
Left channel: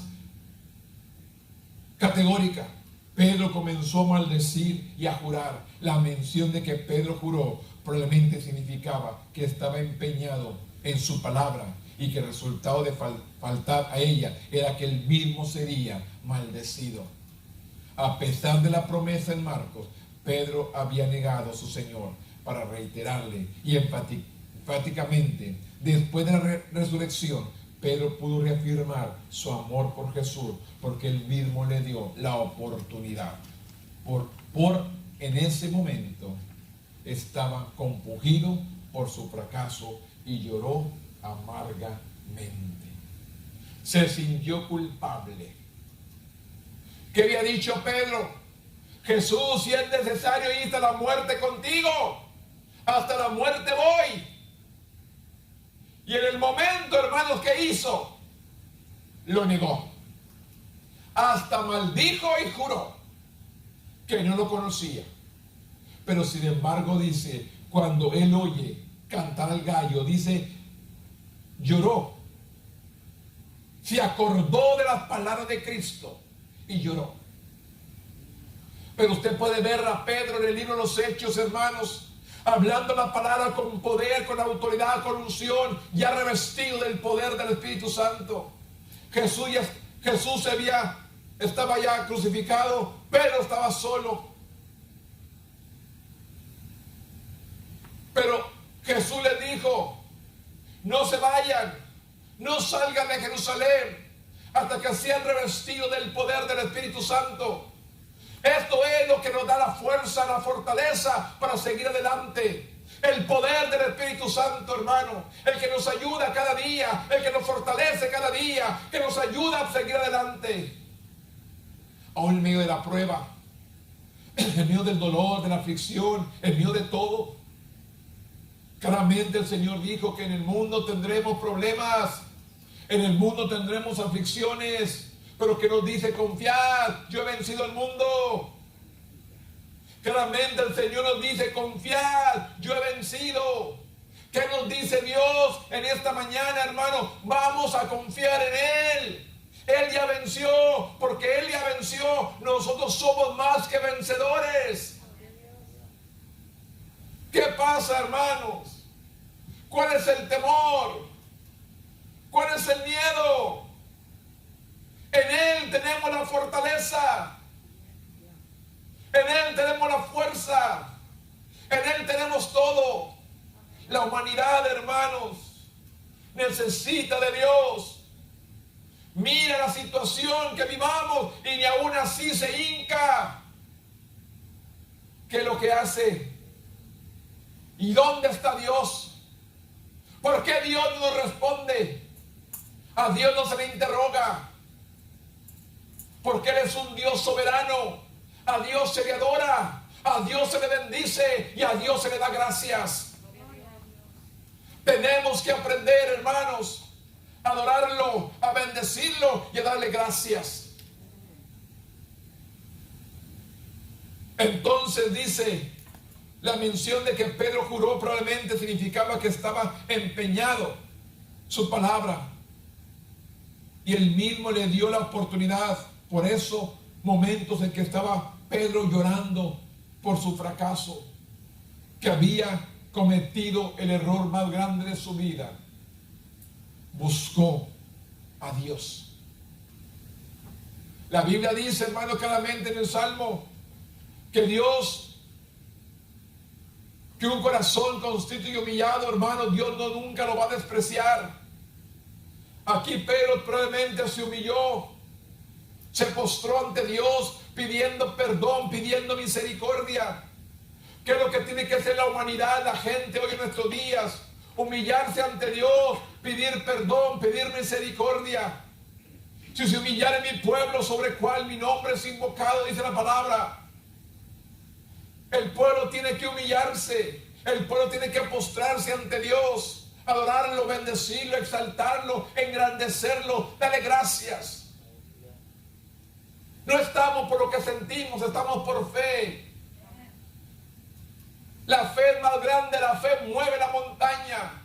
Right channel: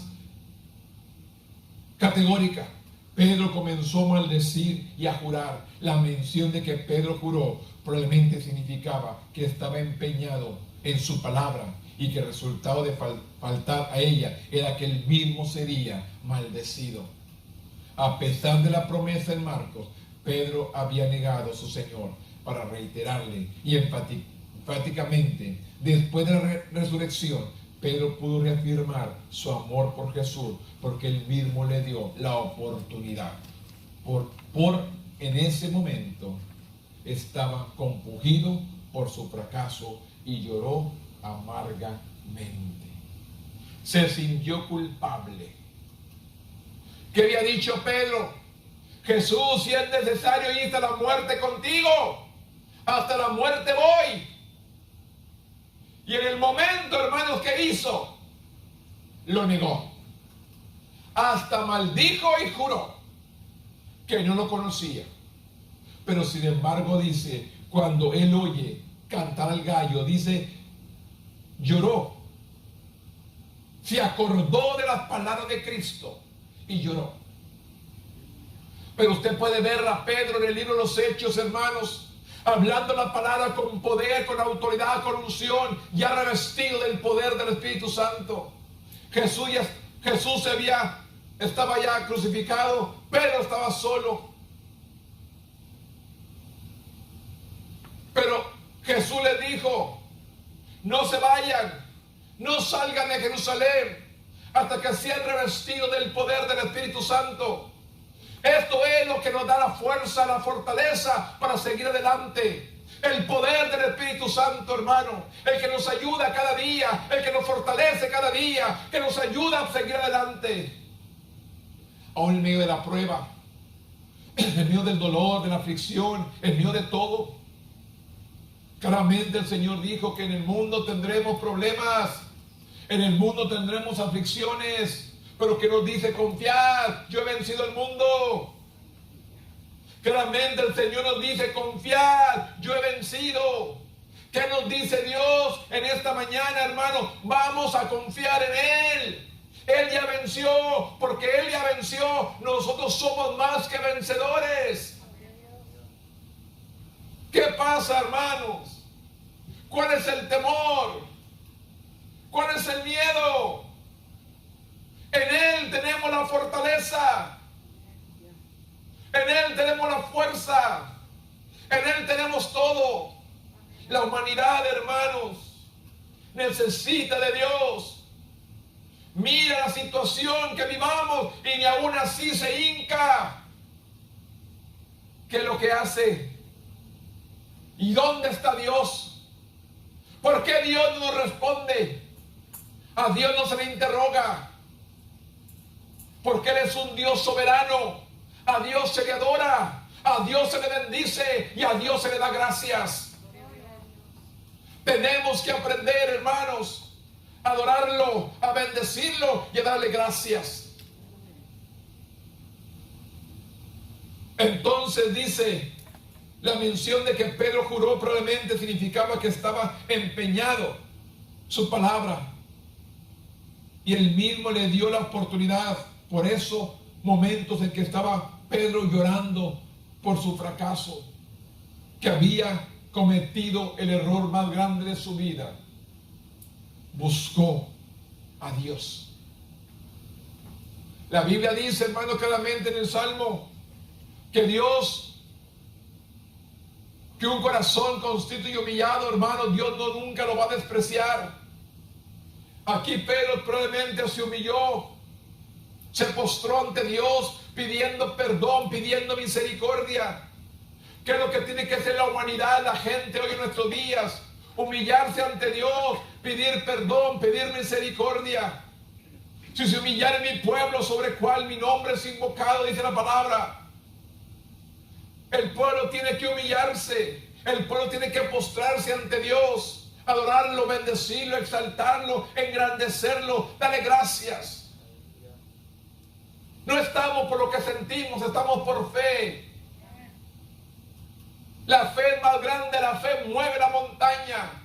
categórica. Pedro comenzó a maldecir y a jurar. La mención de que Pedro juró probablemente significaba que estaba empeñado en su palabra y que el resultado de faltar a ella era que él mismo sería maldecido. A pesar de la promesa en Marcos, Pedro había negado a su Señor para reiterarle y enfáticamente, después de la resurrección, Pedro pudo reafirmar su amor por Jesús porque él mismo le dio la oportunidad. En ese momento estaba compungido por su fracaso y lloró amargamente. Se sintió culpable. ¿Qué había dicho Pedro? Jesús, si es necesario ir hasta la muerte contigo, hasta la muerte voy. Y en el momento, hermanos, ¿qué hizo? Lo negó. Hasta maldijo y juró que no lo conocía. Pero sin embargo dice, cuando él oye cantar al gallo, dice, lloró. Se acordó de las palabras de Cristo y lloró. Pero usted puede ver a Pedro en el libro de los Hechos, hermanos, hablando la palabra con poder, con autoridad, con unción, ya revestido del poder del Espíritu Santo. Jesús estaba ya crucificado, Pedro estaba solo. Pero Jesús les dijo: no se vayan, no salgan de Jerusalén hasta que sean revestidos del poder del Espíritu Santo. Esto es lo que nos da la fuerza, la fortaleza para seguir adelante. El poder del Espíritu Santo, hermano, el que nos ayuda cada día, el que nos fortalece cada día, que nos ayuda a seguir adelante. Aún en medio de la prueba, en medio del dolor, de la aflicción, en medio de todo, claramente el Señor dijo que en el mundo tendremos problemas, en el mundo tendremos aflicciones, pero que nos dice: confiad, yo he vencido el mundo. Claramente el Señor nos dice: confiad, yo he vencido. ¿Qué nos dice Dios en esta mañana, hermano? Vamos a confiar en Él. Él ya venció, porque Él ya venció. Nosotros somos más que vencedores. ¿Qué pasa, hermanos? ¿Cuál es el temor? ¿Cuál es el miedo? En Él tenemos la fortaleza. En Él tenemos la fuerza. En Él tenemos todo. La humanidad, hermanos, necesita de Dios. Mira la situación que vivamos y ni aún así se hinca. ¿Qué es lo que hace? ¿Y dónde está Dios? ¿Por qué Dios no nos responde? A Dios no se le interroga. Porque Él es un Dios soberano. A Dios se le adora, a Dios se le bendice y a Dios se le da gracias. Tenemos que aprender, hermanos, a adorarlo, a bendecirlo y a darle gracias. Entonces dice la mención de que Pedro juró, probablemente significaba que estaba empeñado su palabra. Y él mismo le dio la oportunidad. Por eso, momentos en que estaba Pedro llorando por su fracaso, que había cometido el error más grande de su vida, buscó a Dios. La Biblia dice, hermano, claramente en el Salmo, que un corazón contrito y humillado, hermano, Dios nunca lo va a despreciar. Aquí Pedro probablemente se humilló, se postró ante Dios pidiendo perdón, pidiendo misericordia. ¿Qué es lo que tiene que hacer la humanidad, la gente hoy en nuestros días? Humillarse ante Dios, pedir perdón, pedir misericordia. Si se humillara mi pueblo sobre el cual mi nombre es invocado, dice la palabra. El pueblo tiene que humillarse, el pueblo tiene que postrarse ante Dios, adorarlo, bendecirlo, exaltarlo, engrandecerlo, darle gracias. No estamos por lo que sentimos, estamos por fe. La fe es más grande, la fe mueve la montaña.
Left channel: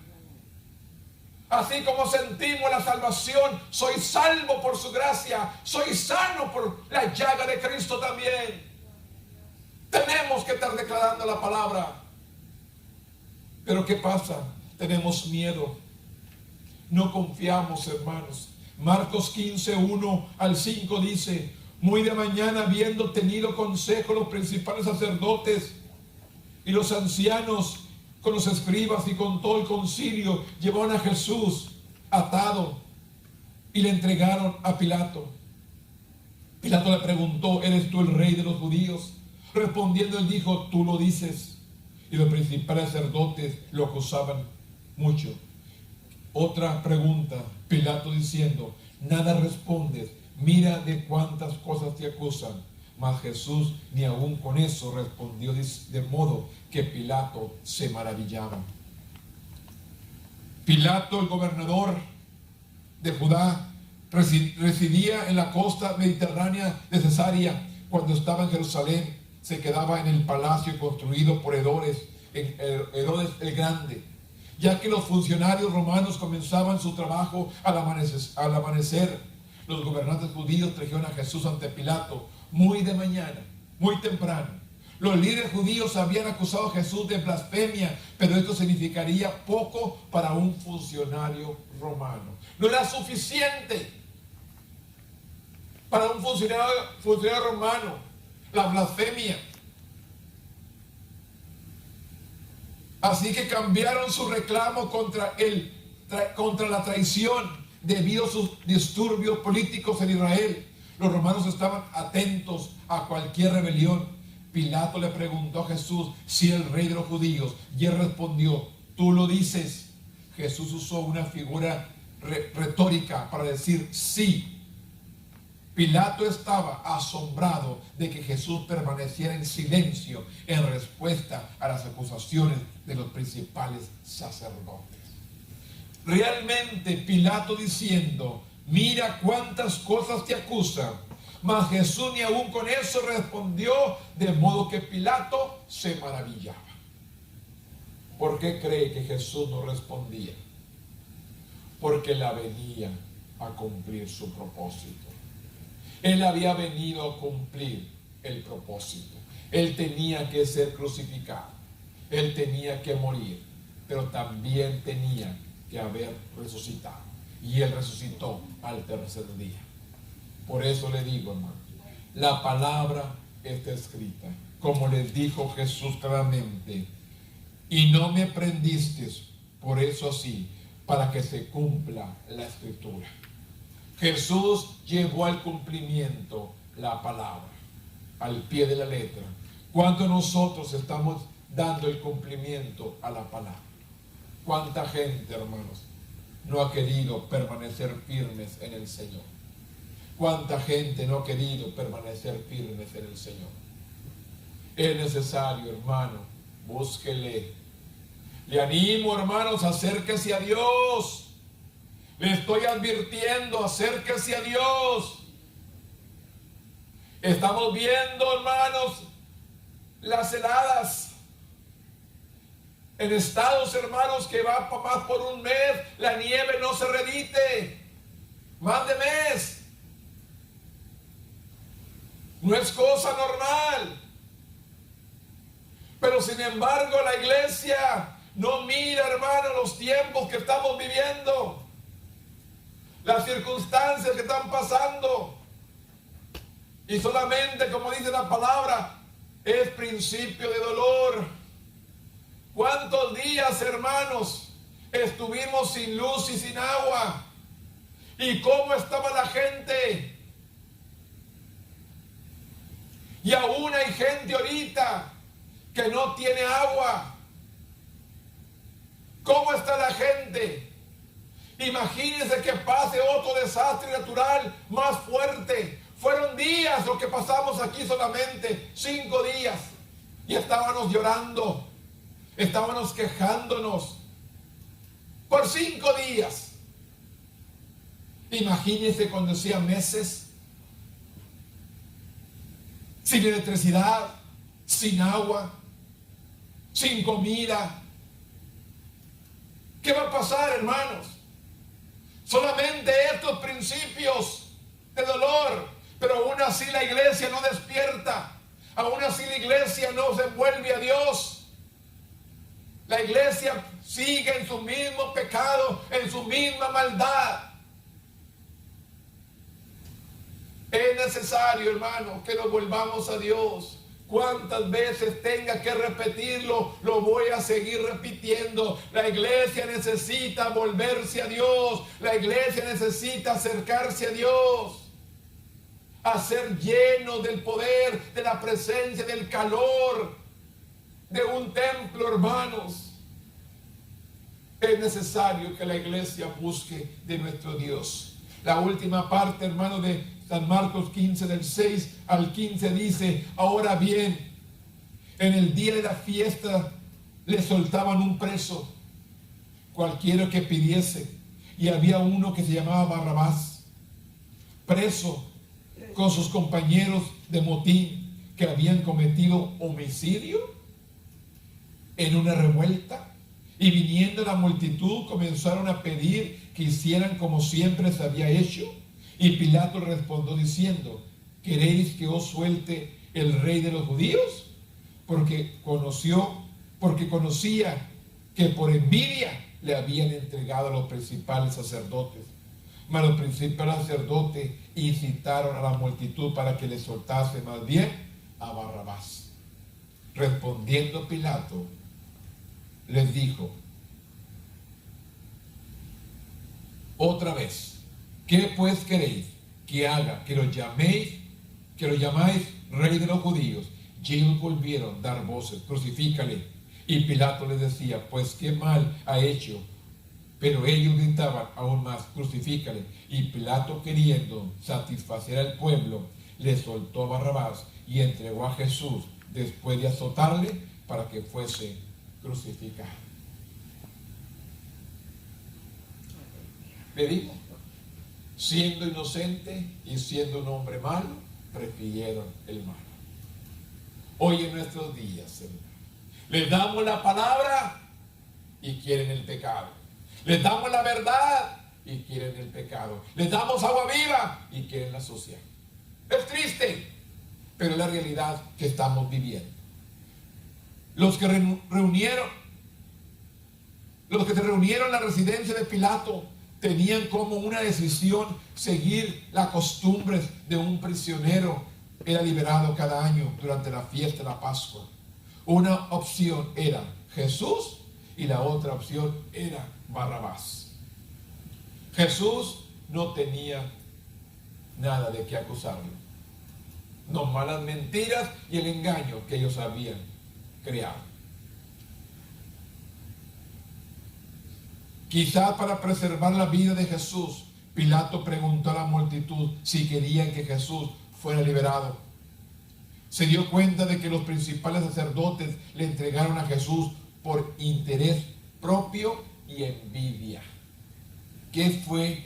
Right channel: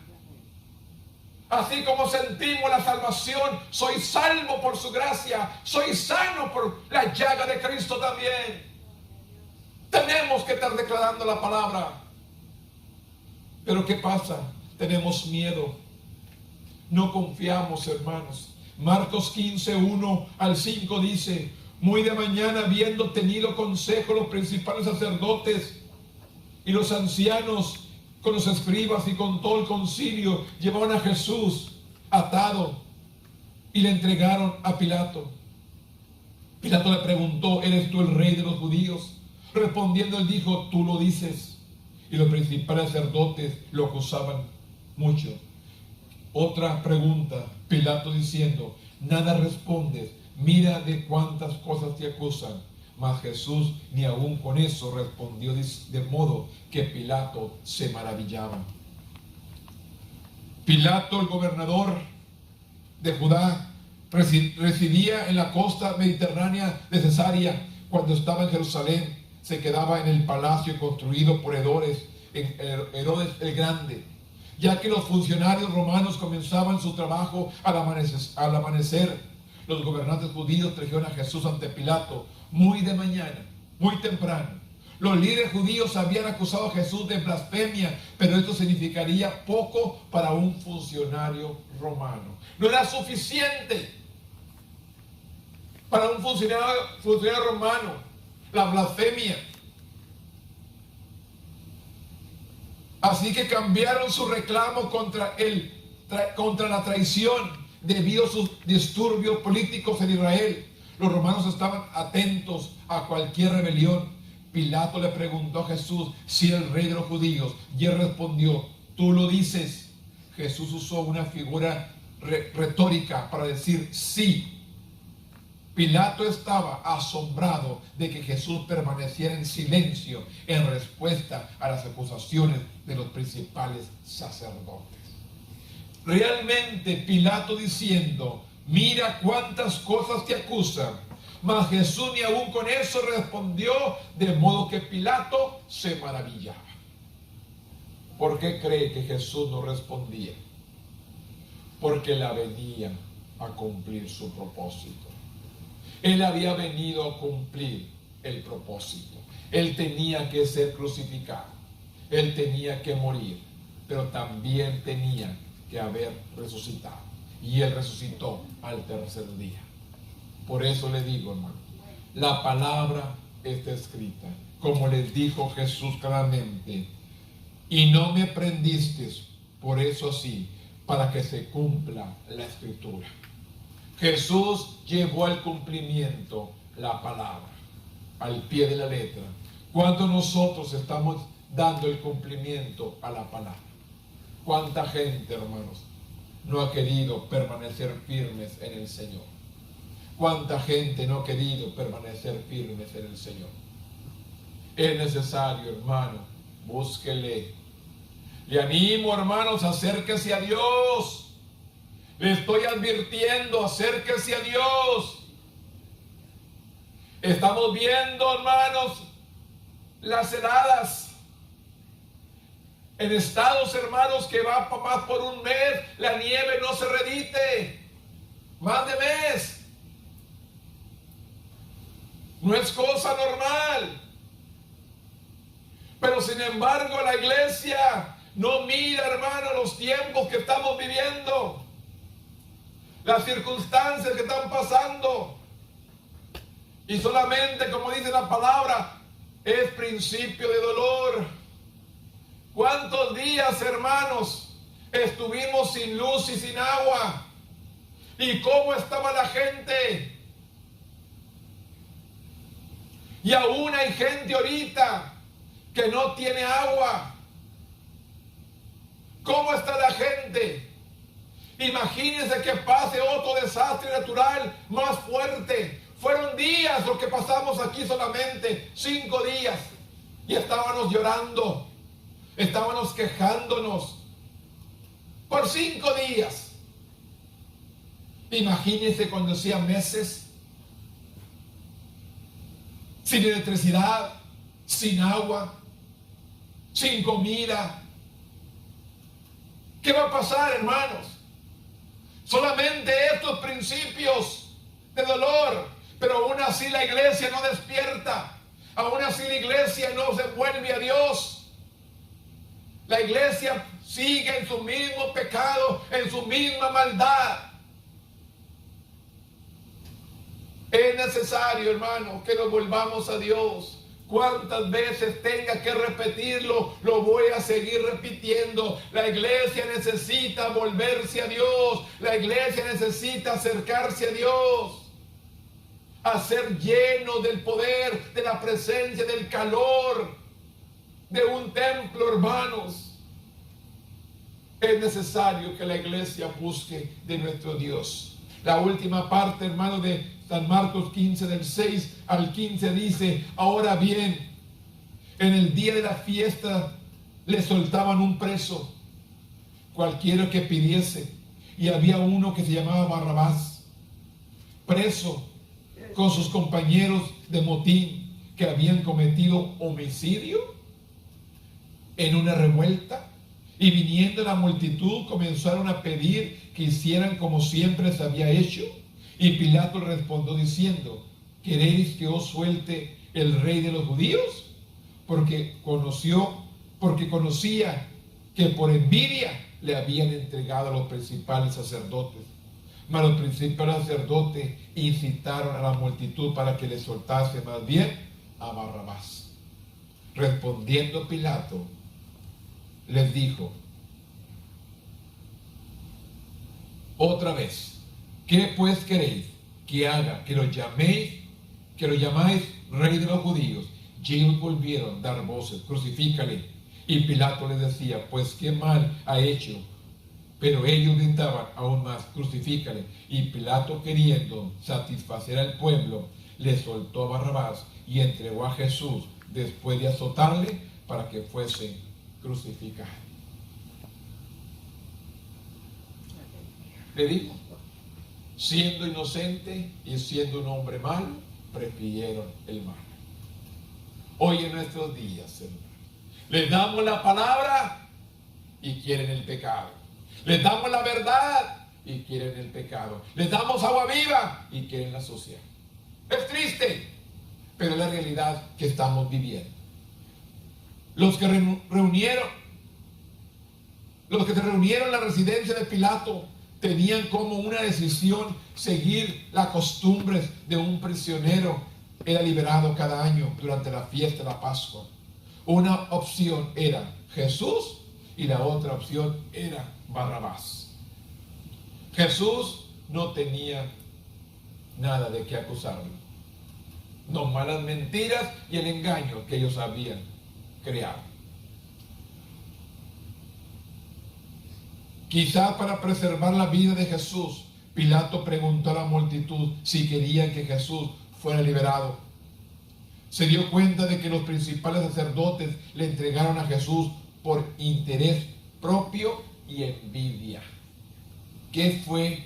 Así como sentimos la salvación, soy salvo por su gracia, soy sano por la llaga de Cristo también. Tenemos que estar declarando la palabra. Pero ¿qué pasa? Tenemos miedo. No confiamos, hermanos. Marcos 15, 1 al 5 dice: muy de mañana, habiendo tenido consejo los principales sacerdotes y los ancianos con los escribas y con todo el concilio, llevaron a Jesús atado y le entregaron a Pilato. Pilato le preguntó: ¿eres tú el rey de los judíos? Respondiendo, él dijo: tú lo dices. Y los principales sacerdotes lo acusaban mucho. Otra pregunta, Pilato diciendo: nada respondes, mira de cuántas cosas te acusan. Mas Jesús ni aún con eso respondió, de modo que Pilato se maravillaba. Pilato, el gobernador de Judá, residía en la costa mediterránea de Cesarea. Cuando estaba en Jerusalén, se quedaba en el palacio construido por Herodes el Grande, ya que los funcionarios romanos comenzaban su trabajo al amanecer. Los gobernantes judíos trajeron a Jesús ante Pilato muy de mañana, muy temprano. Los líderes judíos habían acusado a Jesús de blasfemia, pero esto significaría poco para un funcionario romano. No era suficiente para un funcionario romano la blasfemia. Así que cambiaron su reclamo contra la traición debido a sus disturbios políticos en Israel. Los romanos estaban atentos a cualquier rebelión. Pilato le preguntó a Jesús si era el rey de los judíos, y él respondió: tú lo dices. Jesús usó una figura retórica para decir sí. Pilato estaba asombrado de que Jesús permaneciera en silencio en respuesta a las acusaciones de los principales sacerdotes. Realmente Pilato diciendo: mira cuántas cosas te acusan. Mas Jesús ni aún con eso respondió, de modo que Pilato se maravillaba. ¿Por qué cree que Jesús no respondía? Porque él venía a cumplir su propósito. Él había venido a cumplir el propósito. Él tenía que ser crucificado. Él tenía que morir. Pero también tenía que haber resucitado. Y él resucitó al tercer día. Por eso le digo, hermano, la palabra está escrita. Como les dijo Jesús claramente: y no me prendiste por eso así, para que se cumpla la escritura. Jesús llevó al cumplimiento la palabra, al pie de la letra. ¿Cuánto nosotros estamos dando el cumplimiento a la palabra? ¿Cuánta gente, hermanos, no ha querido permanecer firmes en el Señor? ¿Cuánta gente no ha querido permanecer firmes en el Señor? Es necesario, hermano, búsquele. Le animo, hermanos, acérquese a Dios. Le estoy advirtiendo, acérquese a Dios. Estamos viendo, hermanos, las heladas en estados, hermanos, que va más por un mes, la nieve no se redite, más de mes. No es cosa normal. Pero sin embargo la iglesia no mira, hermano, los tiempos que estamos viviendo, las circunstancias que están pasando. Y solamente, como dice la palabra, es principio de dolor. ¿Cuántos días, hermanos, estuvimos sin luz y sin agua? ¿Y cómo estaba la gente? Y aún hay gente ahorita que no tiene agua. ¿Cómo está la gente? Imagínense que pase otro desastre natural más fuerte. Fueron días lo que pasamos aquí solamente, 5 días. Y estábamos llorando, estábamos quejándonos por 5 días. Imagínense cuando hacían meses, sin electricidad, sin agua, sin comida. ¿Qué va a pasar, hermanos? Solamente estos principios de dolor, pero aún así la iglesia no despierta, aún así la iglesia no se vuelve a Dios. La iglesia sigue en su mismo pecado, en su misma maldad. Es necesario, hermano, que nos volvamos a Dios. Cuántas veces tenga que repetirlo, lo voy a seguir repitiendo. La iglesia necesita volverse a Dios. La iglesia necesita acercarse a Dios, a ser lleno del poder, de la presencia, del calor de un templo, hermanos. Es necesario que la iglesia busque de nuestro Dios. La última parte, hermano, de San Marcos 15, del 6 al 15 dice: ahora bien, en el día de la fiesta le soltaban un preso, cualquiera que pidiese, y había uno que se llamaba Barrabás, preso con sus compañeros de motín que habían cometido homicidio en una revuelta, y viniendo la multitud comenzaron a pedir que hicieran como siempre se había hecho. Y Pilato le respondió diciendo: ¿queréis que os suelte el rey de los judíos? Porque conocía que por envidia le habían entregado a los principales sacerdotes. Mas los principales sacerdotes incitaron a la multitud para que le soltase más bien a Barrabás. Respondiendo Pilato, les dijo otra vez: ¿qué pues queréis que haga? Que lo llamáis rey de los judíos. Y ellos volvieron a dar voces: crucifícale. Y Pilato les decía: pues qué mal ha hecho. Pero ellos gritaban aún más: crucifícale. Y Pilato, queriendo satisfacer al pueblo, le soltó a Barrabás y entregó a Jesús después de azotarle para que fuese crucificado. Le digo, siendo inocente y siendo un hombre malo, prefirieron el mal. Hoy en nuestros días, Señor, les damos la palabra y quieren el pecado. Les damos la verdad y quieren el pecado. Les damos agua viva y quieren la sucia. Es triste, pero es la realidad que estamos viviendo. Los que se reunieron en la residencia de Pilato tenían como una decisión seguir las costumbres de un prisionero. Era liberado cada año durante la fiesta de la Pascua. Una opción era Jesús y la otra opción era Barrabás. Jesús no tenía nada de qué acusarlo. No, malas mentiras y el engaño que ellos habían creado. Quizás para preservar la vida de Jesús, Pilato preguntó a la multitud si querían que Jesús fuera liberado. Se dio cuenta de que los principales sacerdotes le entregaron a Jesús por interés propio y envidia. ¿Qué fue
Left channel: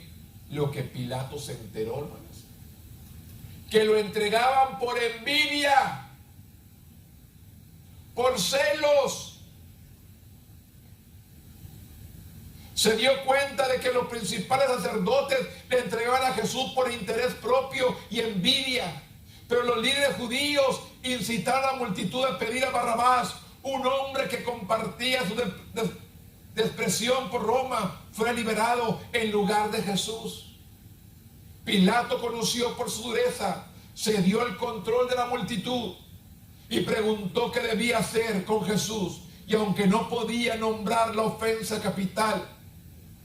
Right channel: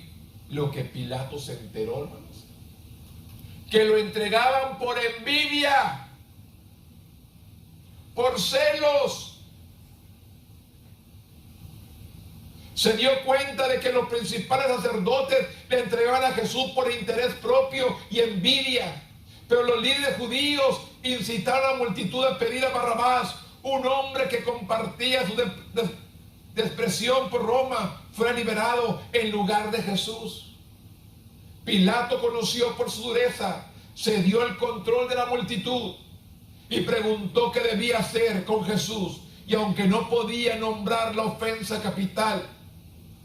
lo que Pilato se enteró, hermanos? Que lo entregaban por envidia, por celos. Se dio cuenta de que los principales sacerdotes le entregaban a Jesús por interés propio y envidia. Pero los líderes judíos incitaron a la multitud a pedir a Barrabás, un hombre que compartía su despreciación por Roma, fuera liberado en lugar de Jesús. Pilato, conoció por su dureza, se dio el control de la multitud y preguntó qué debía hacer con Jesús. Y aunque no podía nombrar la ofensa capital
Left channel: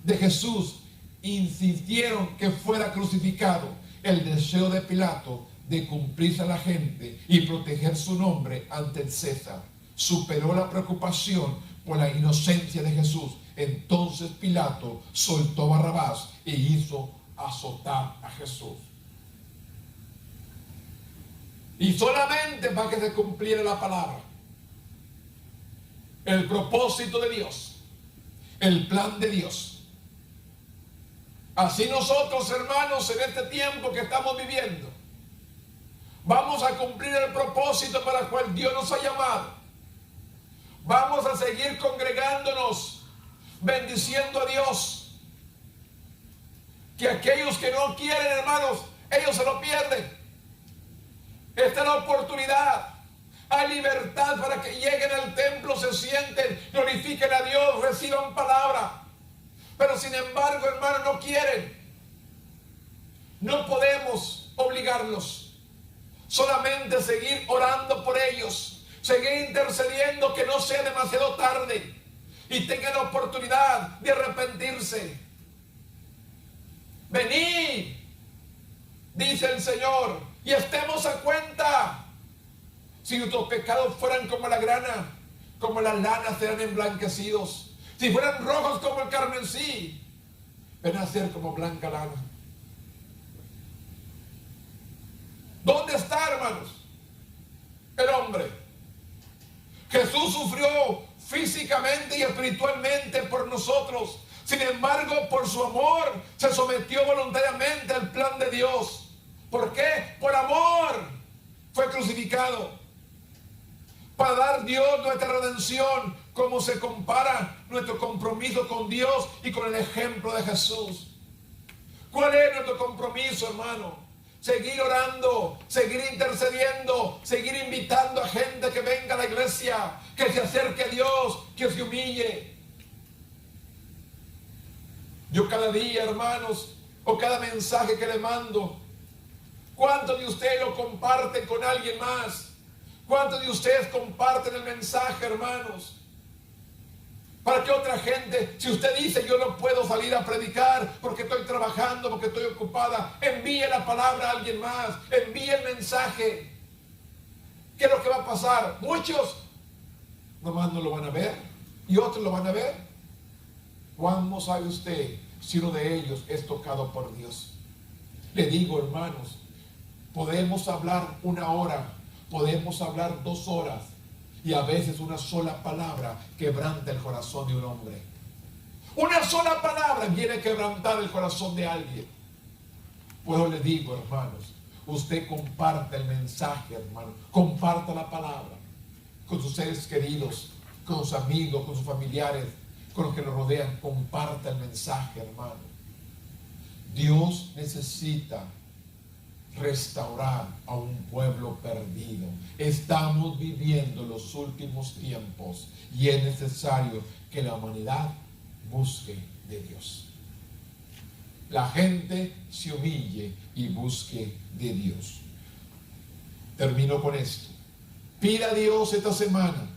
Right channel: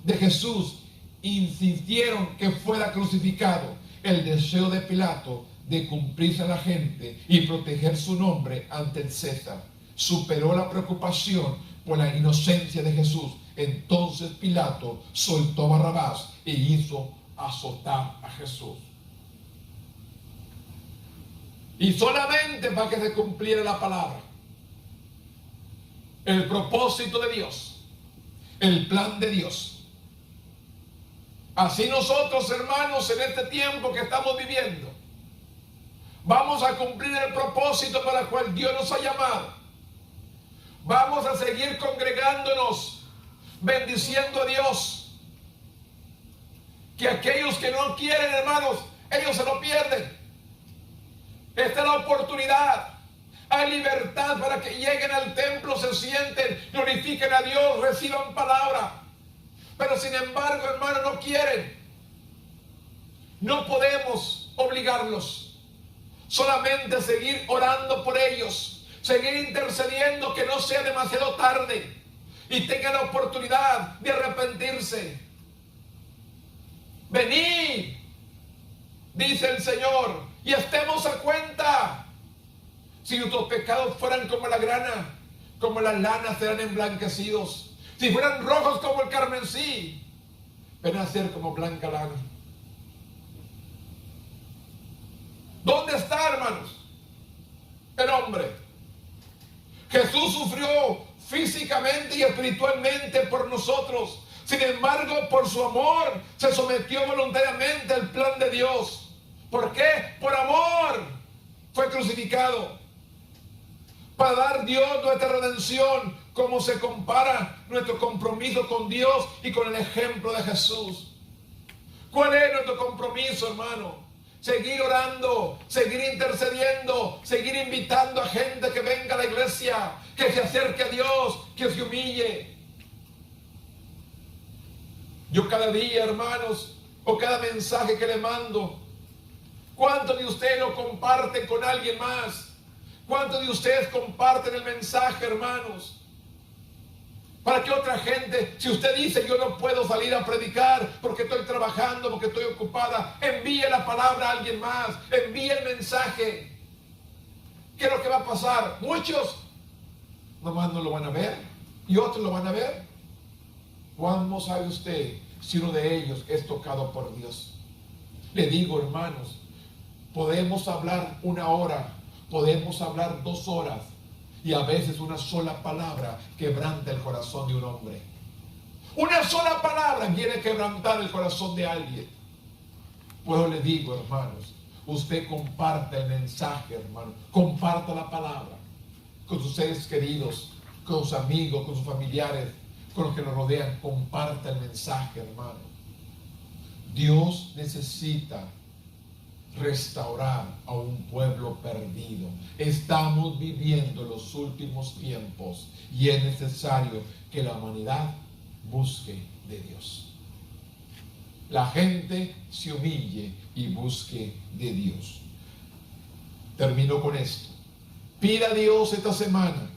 de Jesús, insistieron que fuera crucificado. El deseo de Pilato de cumplirse a la gente y proteger su nombre ante el César superó la preocupación por la inocencia de Jesús. Entonces Pilato soltó a Barrabás e hizo azotar a Jesús. Y solamente para que se cumpliera la palabra, el propósito de Dios, el plan de Dios. Así nosotros, hermanos, en este tiempo que estamos viviendo, vamos a cumplir el propósito para el cual Dios nos ha llamado. Vamos a seguir congregándonos, bendiciendo a Dios. Que aquellos que no quieren, hermanos, ellos se lo pierden. Esta es la oportunidad. Hay libertad para que lleguen al templo, se sienten, glorifiquen a Dios, reciban palabra. Pero sin embargo, hermanos, no quieren. No podemos obligarlos. Solamente seguir orando por ellos, seguir intercediendo, que no sea demasiado tarde y tengan la oportunidad de arrepentirse. Venid, dice el Señor, y estemos a cuenta. Si nuestros pecados fueran como la grana, como la lana, serán emblanquecidos. Si fueran rojos como el carmesí, ven a ser como blanca lana. ¿Dónde está, hermanos, el hombre? Jesús sufrió físicamente y espiritualmente por nosotros. Sin embargo, por su amor, se sometió voluntariamente al plan de Dios. ¿Por qué? Por amor fue crucificado. Para dar Dios nuestra redención, como se compara nuestro compromiso con Dios y con el ejemplo de Jesús. ¿Cuál es nuestro compromiso, hermano? Seguir orando, seguir intercediendo, seguir invitando a gente que venga a la iglesia, que se acerque a Dios, que se humille. Yo cada día, hermanos, o cada mensaje que le mando, ¿cuántos de ustedes lo comparten con alguien más? ¿Cuántos de ustedes comparten el mensaje, hermanos? Para que otra gente, si usted dice yo no puedo salir a predicar porque estoy trabajando, porque estoy ocupada, envíe la palabra a alguien más, envíe el mensaje. ¿Qué es lo que va a pasar? Muchos nomás no lo van a ver y otros lo van a ver. ¿Cuándo sabe usted si uno de ellos es tocado por Dios? Le digo, hermanos, podemos hablar 1 hora, podemos hablar 2 horas, y a veces una sola palabra quebranta el corazón de un hombre. Una sola palabra viene a quebrantar el corazón de alguien. Pues le digo, hermanos, usted comparte el mensaje, hermano. Comparta la palabra con sus seres queridos, con sus amigos, con sus familiares, con los que lo rodean. Comparta el mensaje, hermano. Dios necesita restaurar a un pueblo perdido. Estamos viviendo los últimos tiempos y es necesario que la humanidad busque de Dios. La gente se humille y busque de Dios. Termino con esto. Pida a Dios esta semana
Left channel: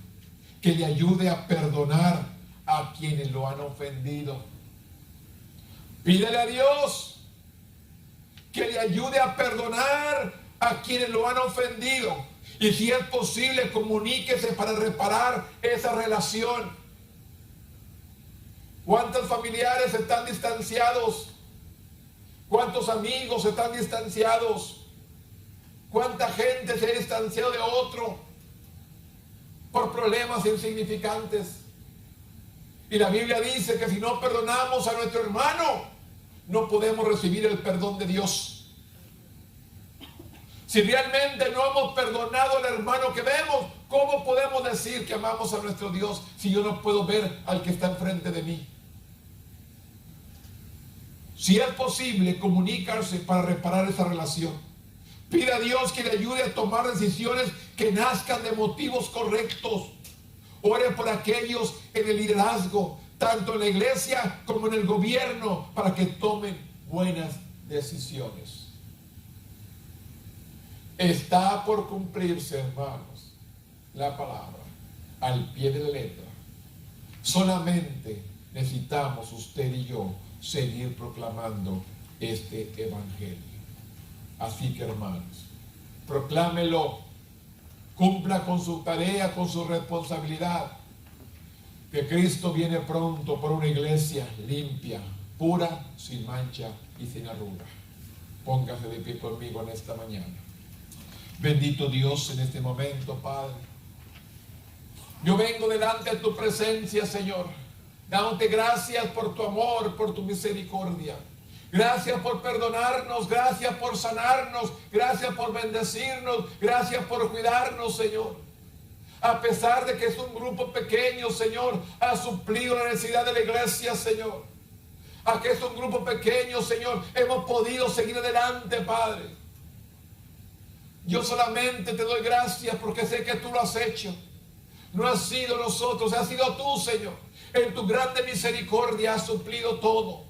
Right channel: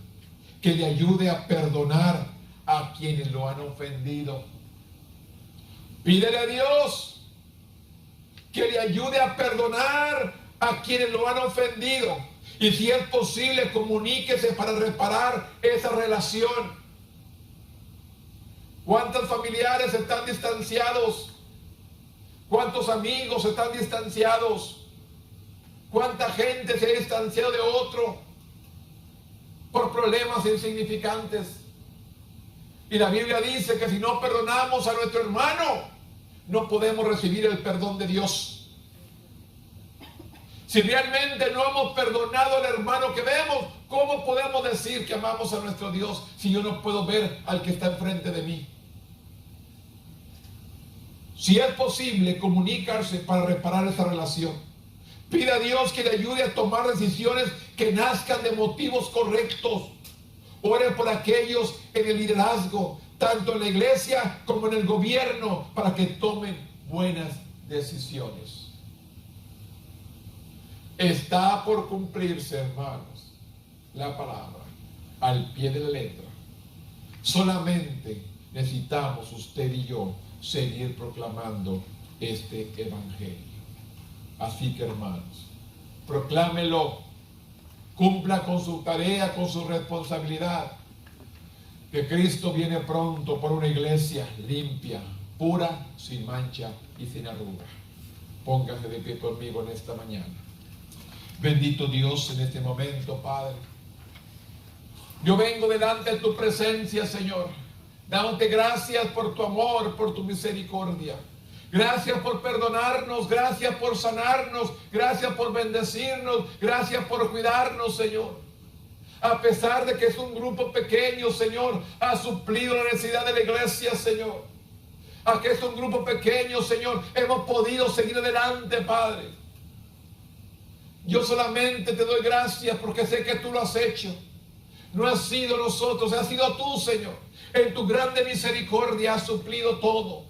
que le ayude a perdonar a quienes lo han ofendido. Pídele a Dios que le ayude a perdonar a quienes lo han ofendido. Y si es posible, comuníquese para reparar esa relación. ¿Cuántos familiares están distanciados? ¿Cuántos amigos están distanciados? ¿Cuánta gente se ha distanciado de otro por problemas insignificantes? Y la Biblia dice que si no perdonamos a nuestro hermano, no podemos recibir el perdón de Dios. Si realmente no hemos perdonado al hermano que vemos, ¿cómo podemos decir que amamos a nuestro Dios si yo no puedo ver al que está enfrente de mí? Si es posible, comunicarse para reparar esa relación. Pida a Dios que le ayude a tomar decisiones que nazcan de motivos correctos. Ore por aquellos en el liderazgo, tanto en la iglesia como en el gobierno, para que tomen buenas decisiones. Está por cumplirse, hermanos, la palabra al pie de la letra. Solamente necesitamos usted y yo seguir proclamando este evangelio. Así que, hermanos, proclámelo, cumpla con su tarea, con su responsabilidad, que Cristo viene pronto por una iglesia limpia, pura, sin mancha y sin arruga. Póngase de pie conmigo en esta mañana. Bendito Dios, en este momento, Padre, yo vengo delante de tu presencia, Señor, dándote gracias por tu amor, por tu misericordia. Gracias por perdonarnos, gracias por sanarnos, gracias por bendecirnos, gracias por cuidarnos, Señor. A pesar de que es un grupo pequeño, Señor, ha suplido la necesidad de la iglesia, Señor. A que es un grupo pequeño, Señor, hemos podido seguir adelante, Padre. Yo solamente te doy gracias porque sé que tú lo has hecho. No ha sido nosotros, ha sido tú, Señor. En tu grande misericordia has suplido todo.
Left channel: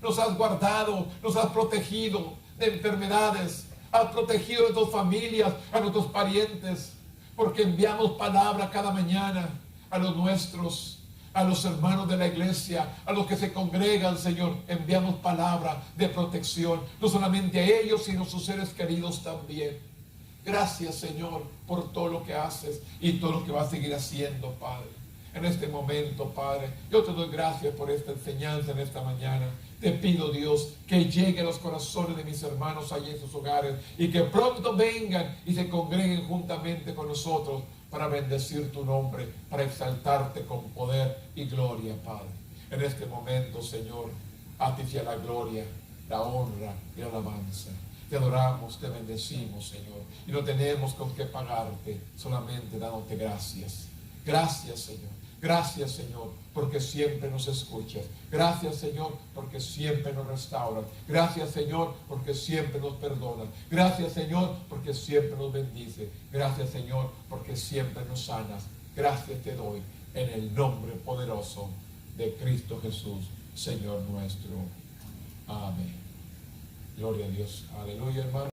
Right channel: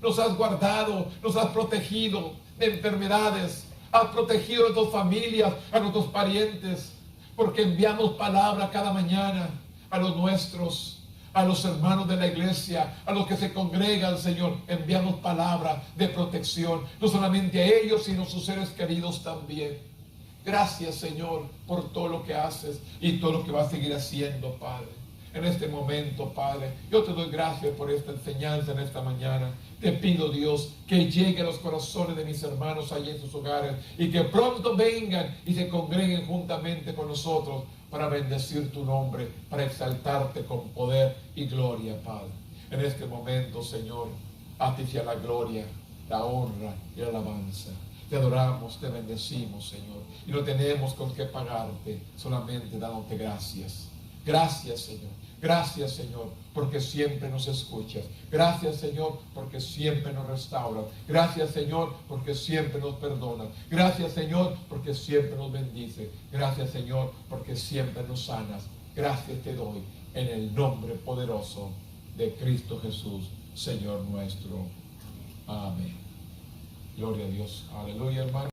Nos has guardado, nos has protegido de enfermedades. Has protegido a nuestras familias, a nuestros parientes. Porque enviamos palabra cada mañana a los nuestros, a los hermanos de la iglesia, a los que se congregan, Señor. Enviamos palabra de protección. No solamente a ellos, sino a sus seres queridos también. Gracias, Señor, por todo lo que haces y todo lo que vas a seguir haciendo, Padre. En este momento, Padre, yo te doy gracias por esta enseñanza en esta mañana. Te pido, Dios, que llegue a los corazones de mis hermanos allí en sus hogares y que pronto vengan y se congreguen juntamente con nosotros para bendecir tu nombre, para exaltarte con poder y gloria, Padre. En este momento, Señor, a ti sea la gloria, la honra y la alabanza. Te adoramos, te bendecimos, Señor. Y no tenemos con qué pagarte, solamente dándote gracias. Gracias, Señor. Gracias, Señor, porque siempre nos escuchas. Gracias, Señor, porque siempre nos restauras. Gracias, Señor, porque siempre nos perdonas. Gracias, Señor, porque siempre nos bendices. Gracias, Señor, porque siempre nos sanas. Gracias te doy en el nombre poderoso de Cristo Jesús, Señor nuestro. Amén. Gloria a Dios. Aleluya, hermano.